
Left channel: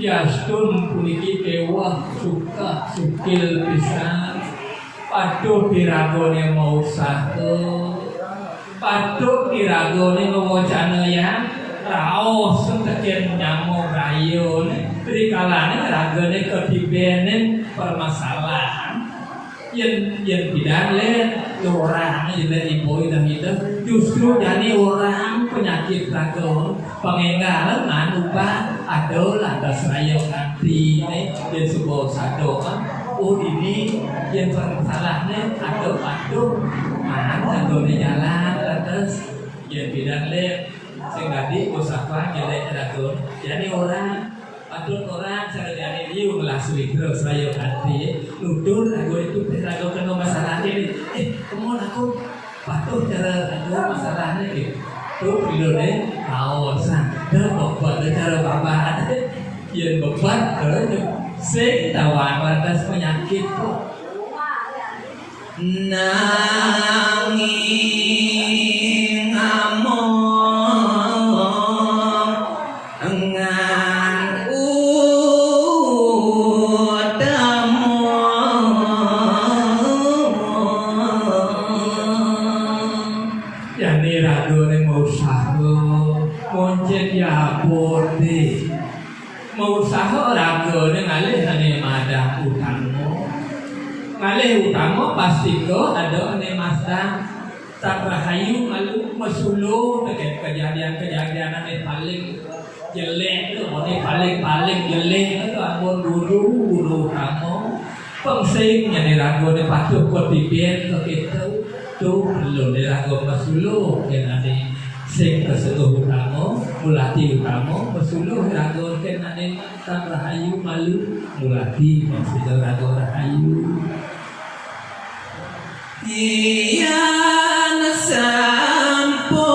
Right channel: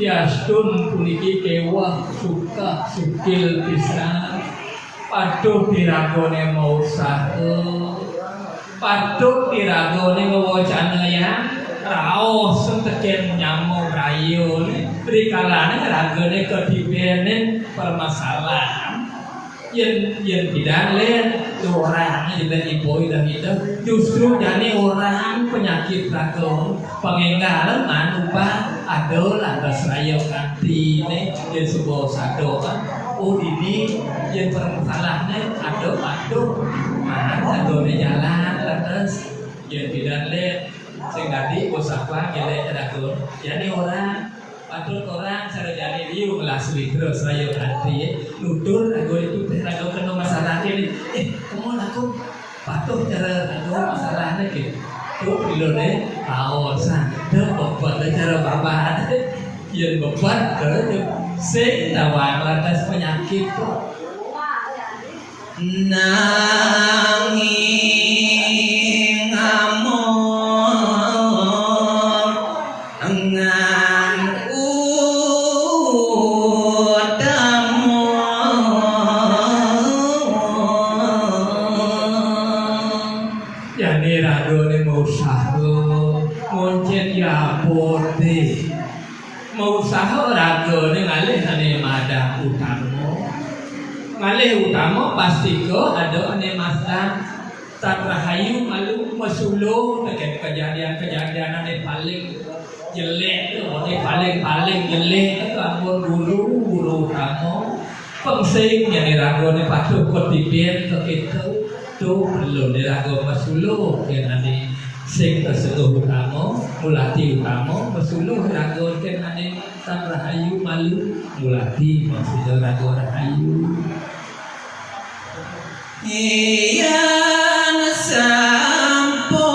yastun puniki kewah suka sukil pisan Paduh diragone mau usaha Paduh diragone ngewocana ya raos sentekin nyamo rayun trikalane ragone kedibenen permasalahan yang tidak lihat orang yang ibu dan itu justru jadi orang penyakit ragon pengengalan anupa adol atas rayo kanti ini yang sebuah sadokan ini yang bermasalahnya aduh aduh jalan lantas yang tidak lihat sehingga di usaha yang ragon jadi orang orang cara jadi liu langsung terus rayo hati nudur rago itu rago kena masalah ini kamu aku patuh cara rago masalahnya gitu tuh pilihnya tahu sadar buat cara bapak yang beban sing tawang lantas penyakit nanging amor engan udamu yani ragone mau saho moncet ya putih mau usaha ragone ngalih ane madang utama ngalih utama pasti ko ada ane masa tak rahayu lalu mesulu dengan kejadian-kejadian ane paling jelek tu ane paling jelek itu amun dulu utama pengsing yang ragone patuh kotipien ke itu tu belum dirago mesulu yang ane sing tersebut utama mulati utama mesuluh rago ken ane tan rahayu malu mulati maksud rago rahayu iyan sampong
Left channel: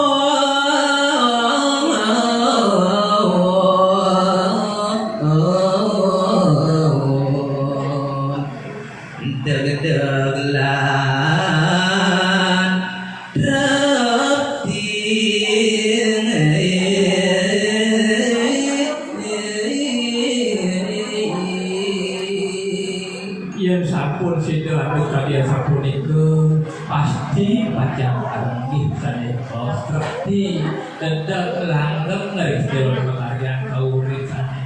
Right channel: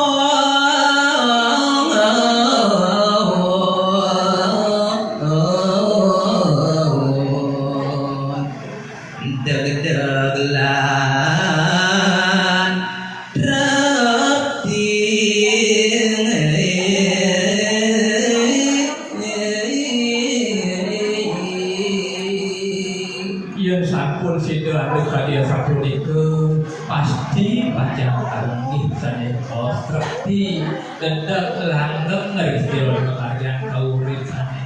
deg-degelan yang sampun situ atau kalian sampun itu pasti baca arti sana seperti dendam langgeng dari setiap kalian kau sana.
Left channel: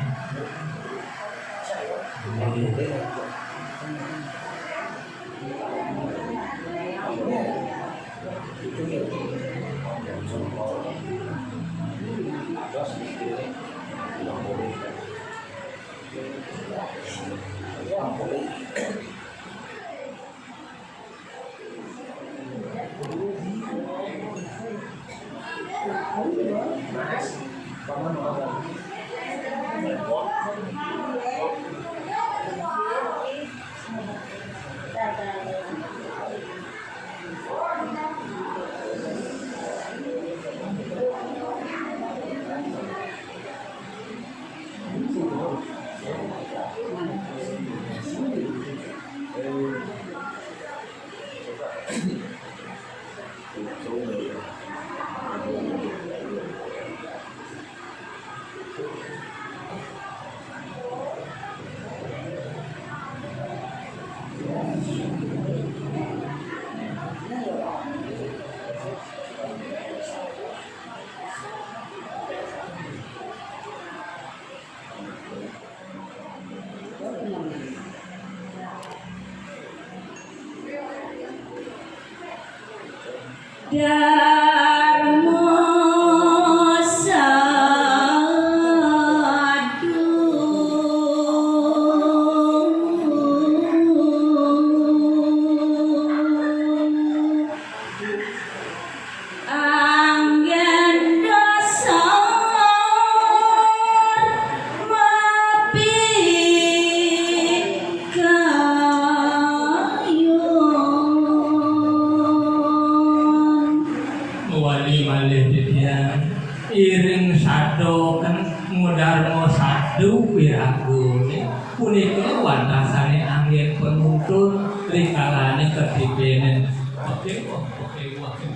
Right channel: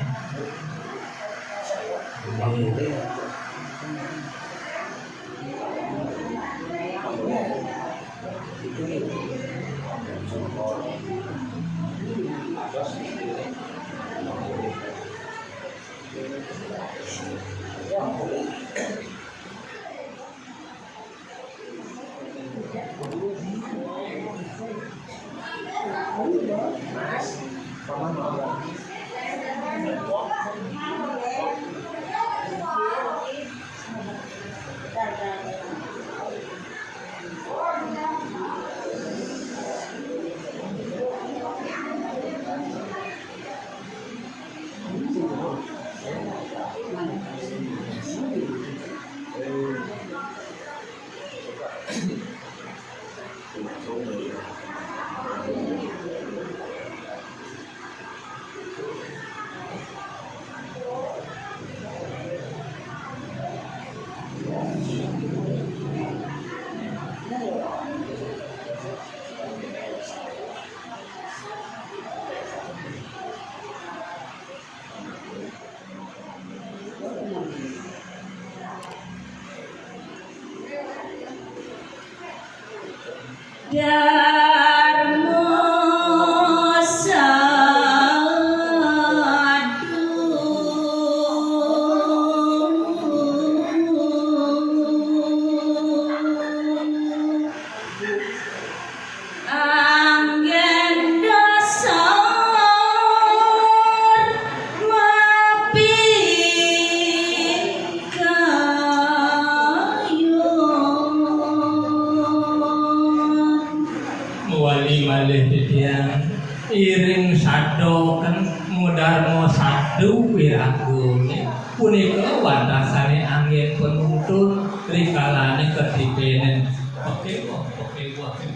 Wali malih titiang iring sadoken mudarmo sadu wiragune punika wantasane angin penuntun rikalane kedipenen oke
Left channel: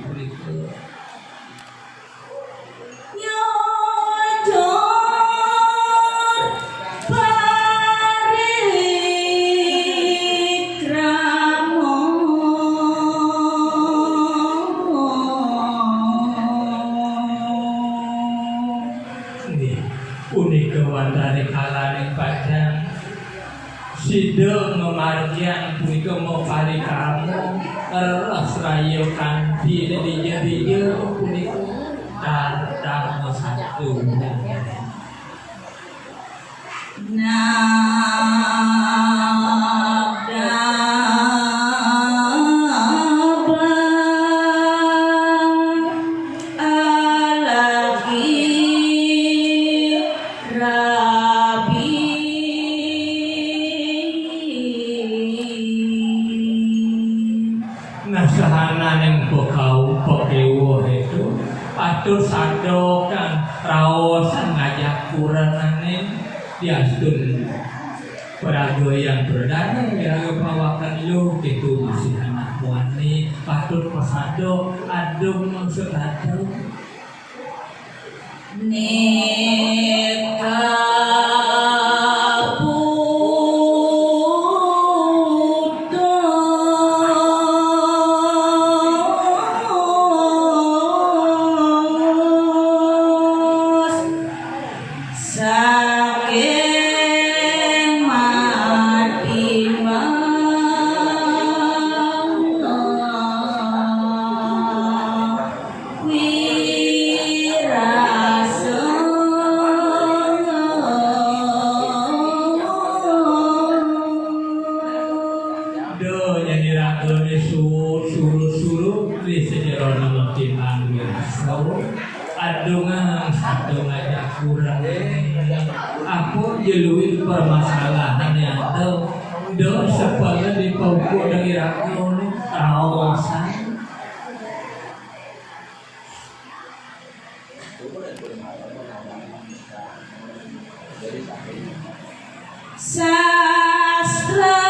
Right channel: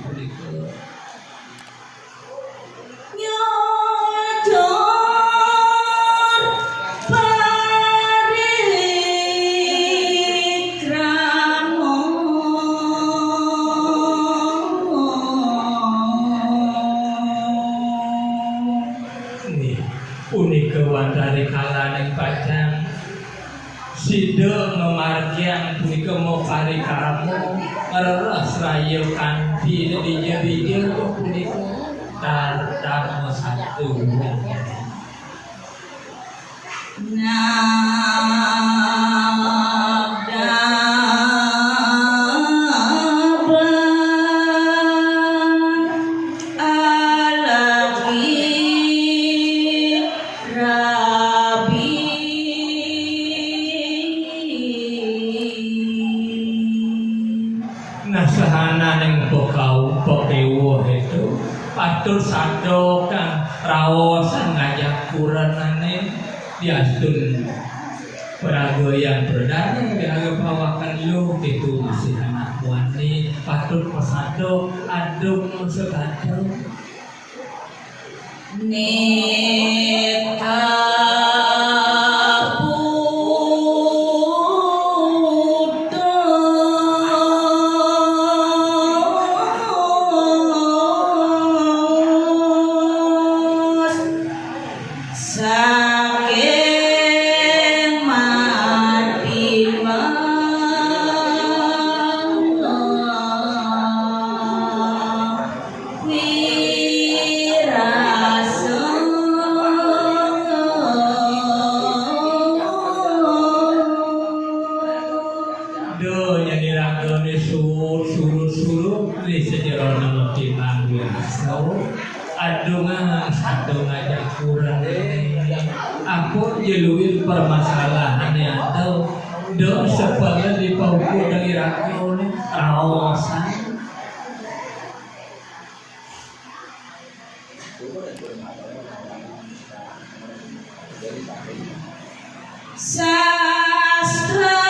punika punika wantari kalane padang sida memargian punika mopari kamu reres rayo kanthi dijer-dijer punika darmo satu nasahananing bokau pokewo itu patur sado kang raosan ngajak kuranane diastun pragoyan berdarah kira pawakan lu itu masih anak wani patur pasado adung maksud adung adungan satu ngajak kurang aku jeluin permasalahan yang tahu do supaya dipauku dari rakyat kawasan sastra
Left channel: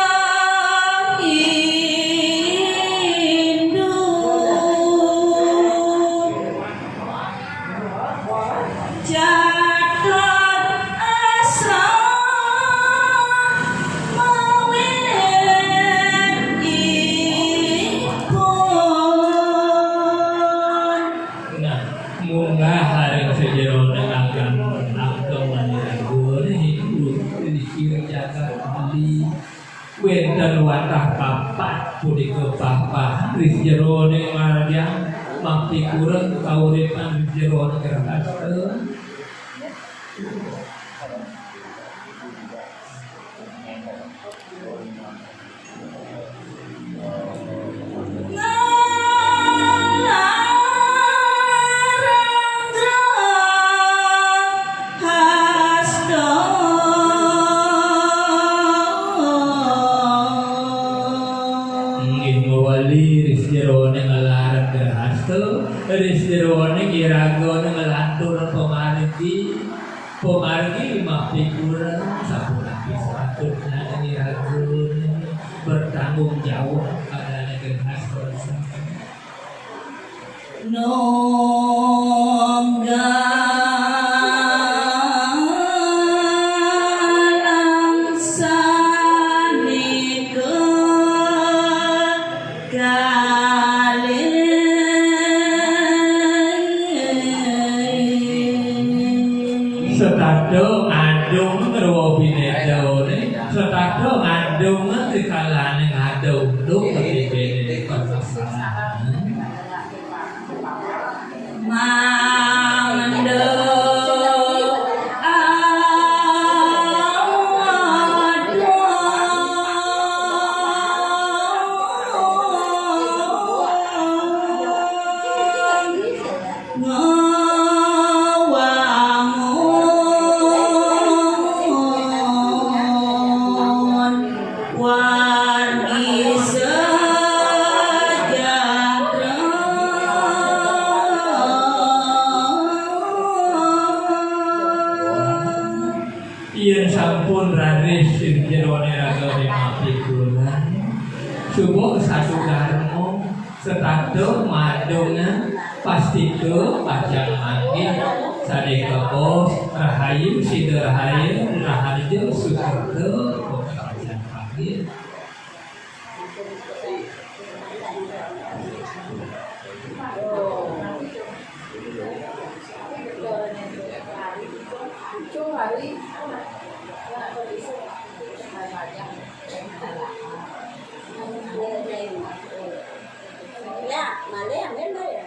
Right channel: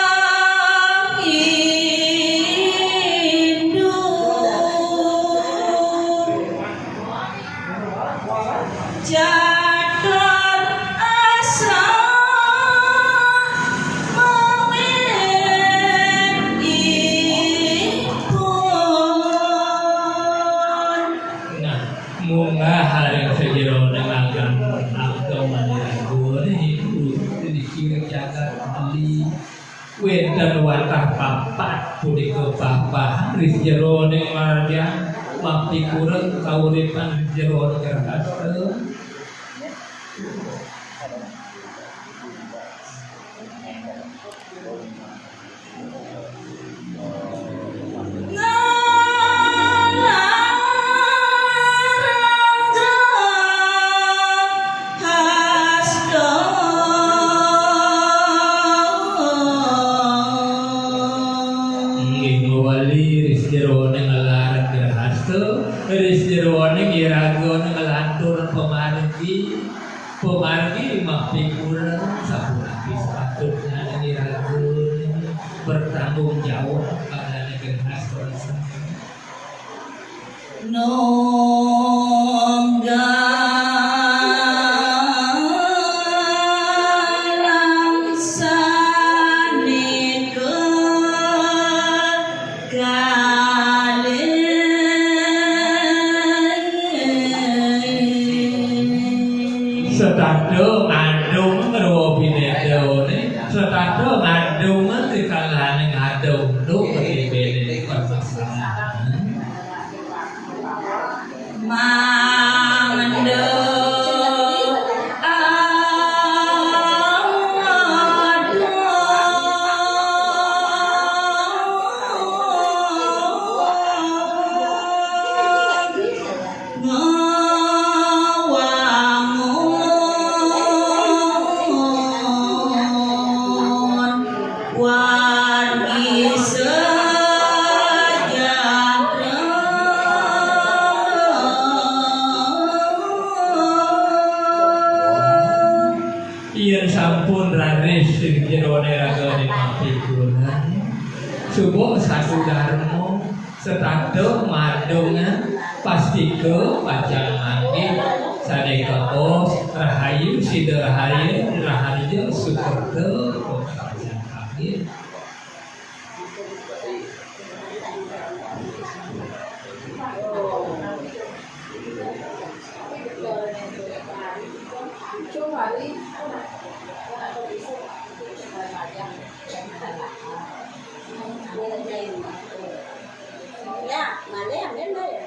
dan watah papat punika bapak ris jero ning maradian makti kurang kauripan jero kerasta Rizjerone kiragone ngelantur pemargi makti kurang sapulaki sepatutnya ngiragone bertanggung jawab pada negeri Nonggalang sanika kalih Setado mandung ngeruwo binedo nih, setado mandung dikalane ngadung tuh bibene kesalahan. Yen sampun raris sing jerone ragane mati kulan subuh satu dharma setado madungan pastiko pacang mati sadeka os rahayu siderahayu rahayu sukerto pacang pagi. Mà lấy hàng đến đây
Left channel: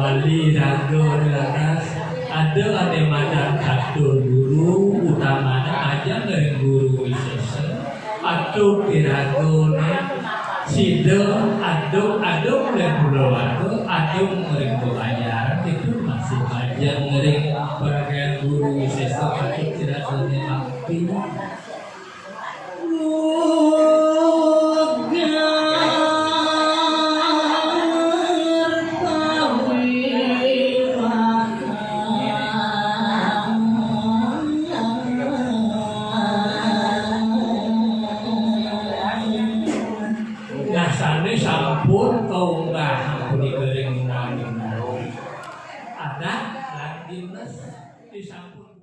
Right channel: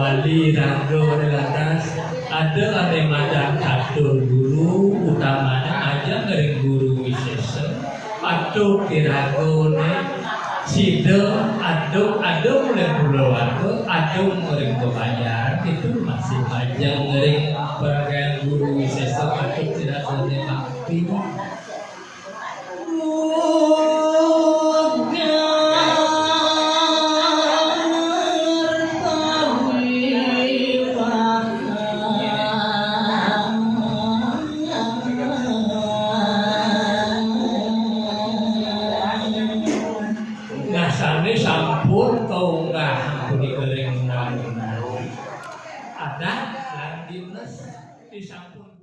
Wali rago atas ada yang ada satu guru utamanya aja dari guru wisesa atau diragone sida ado mulai pulau ado mulai bayar itu masih aja ngering bagian guru wisesa atau tidak bakti. Dasarnya sampun kau nggak beli goreng ada lan dinas di sampun.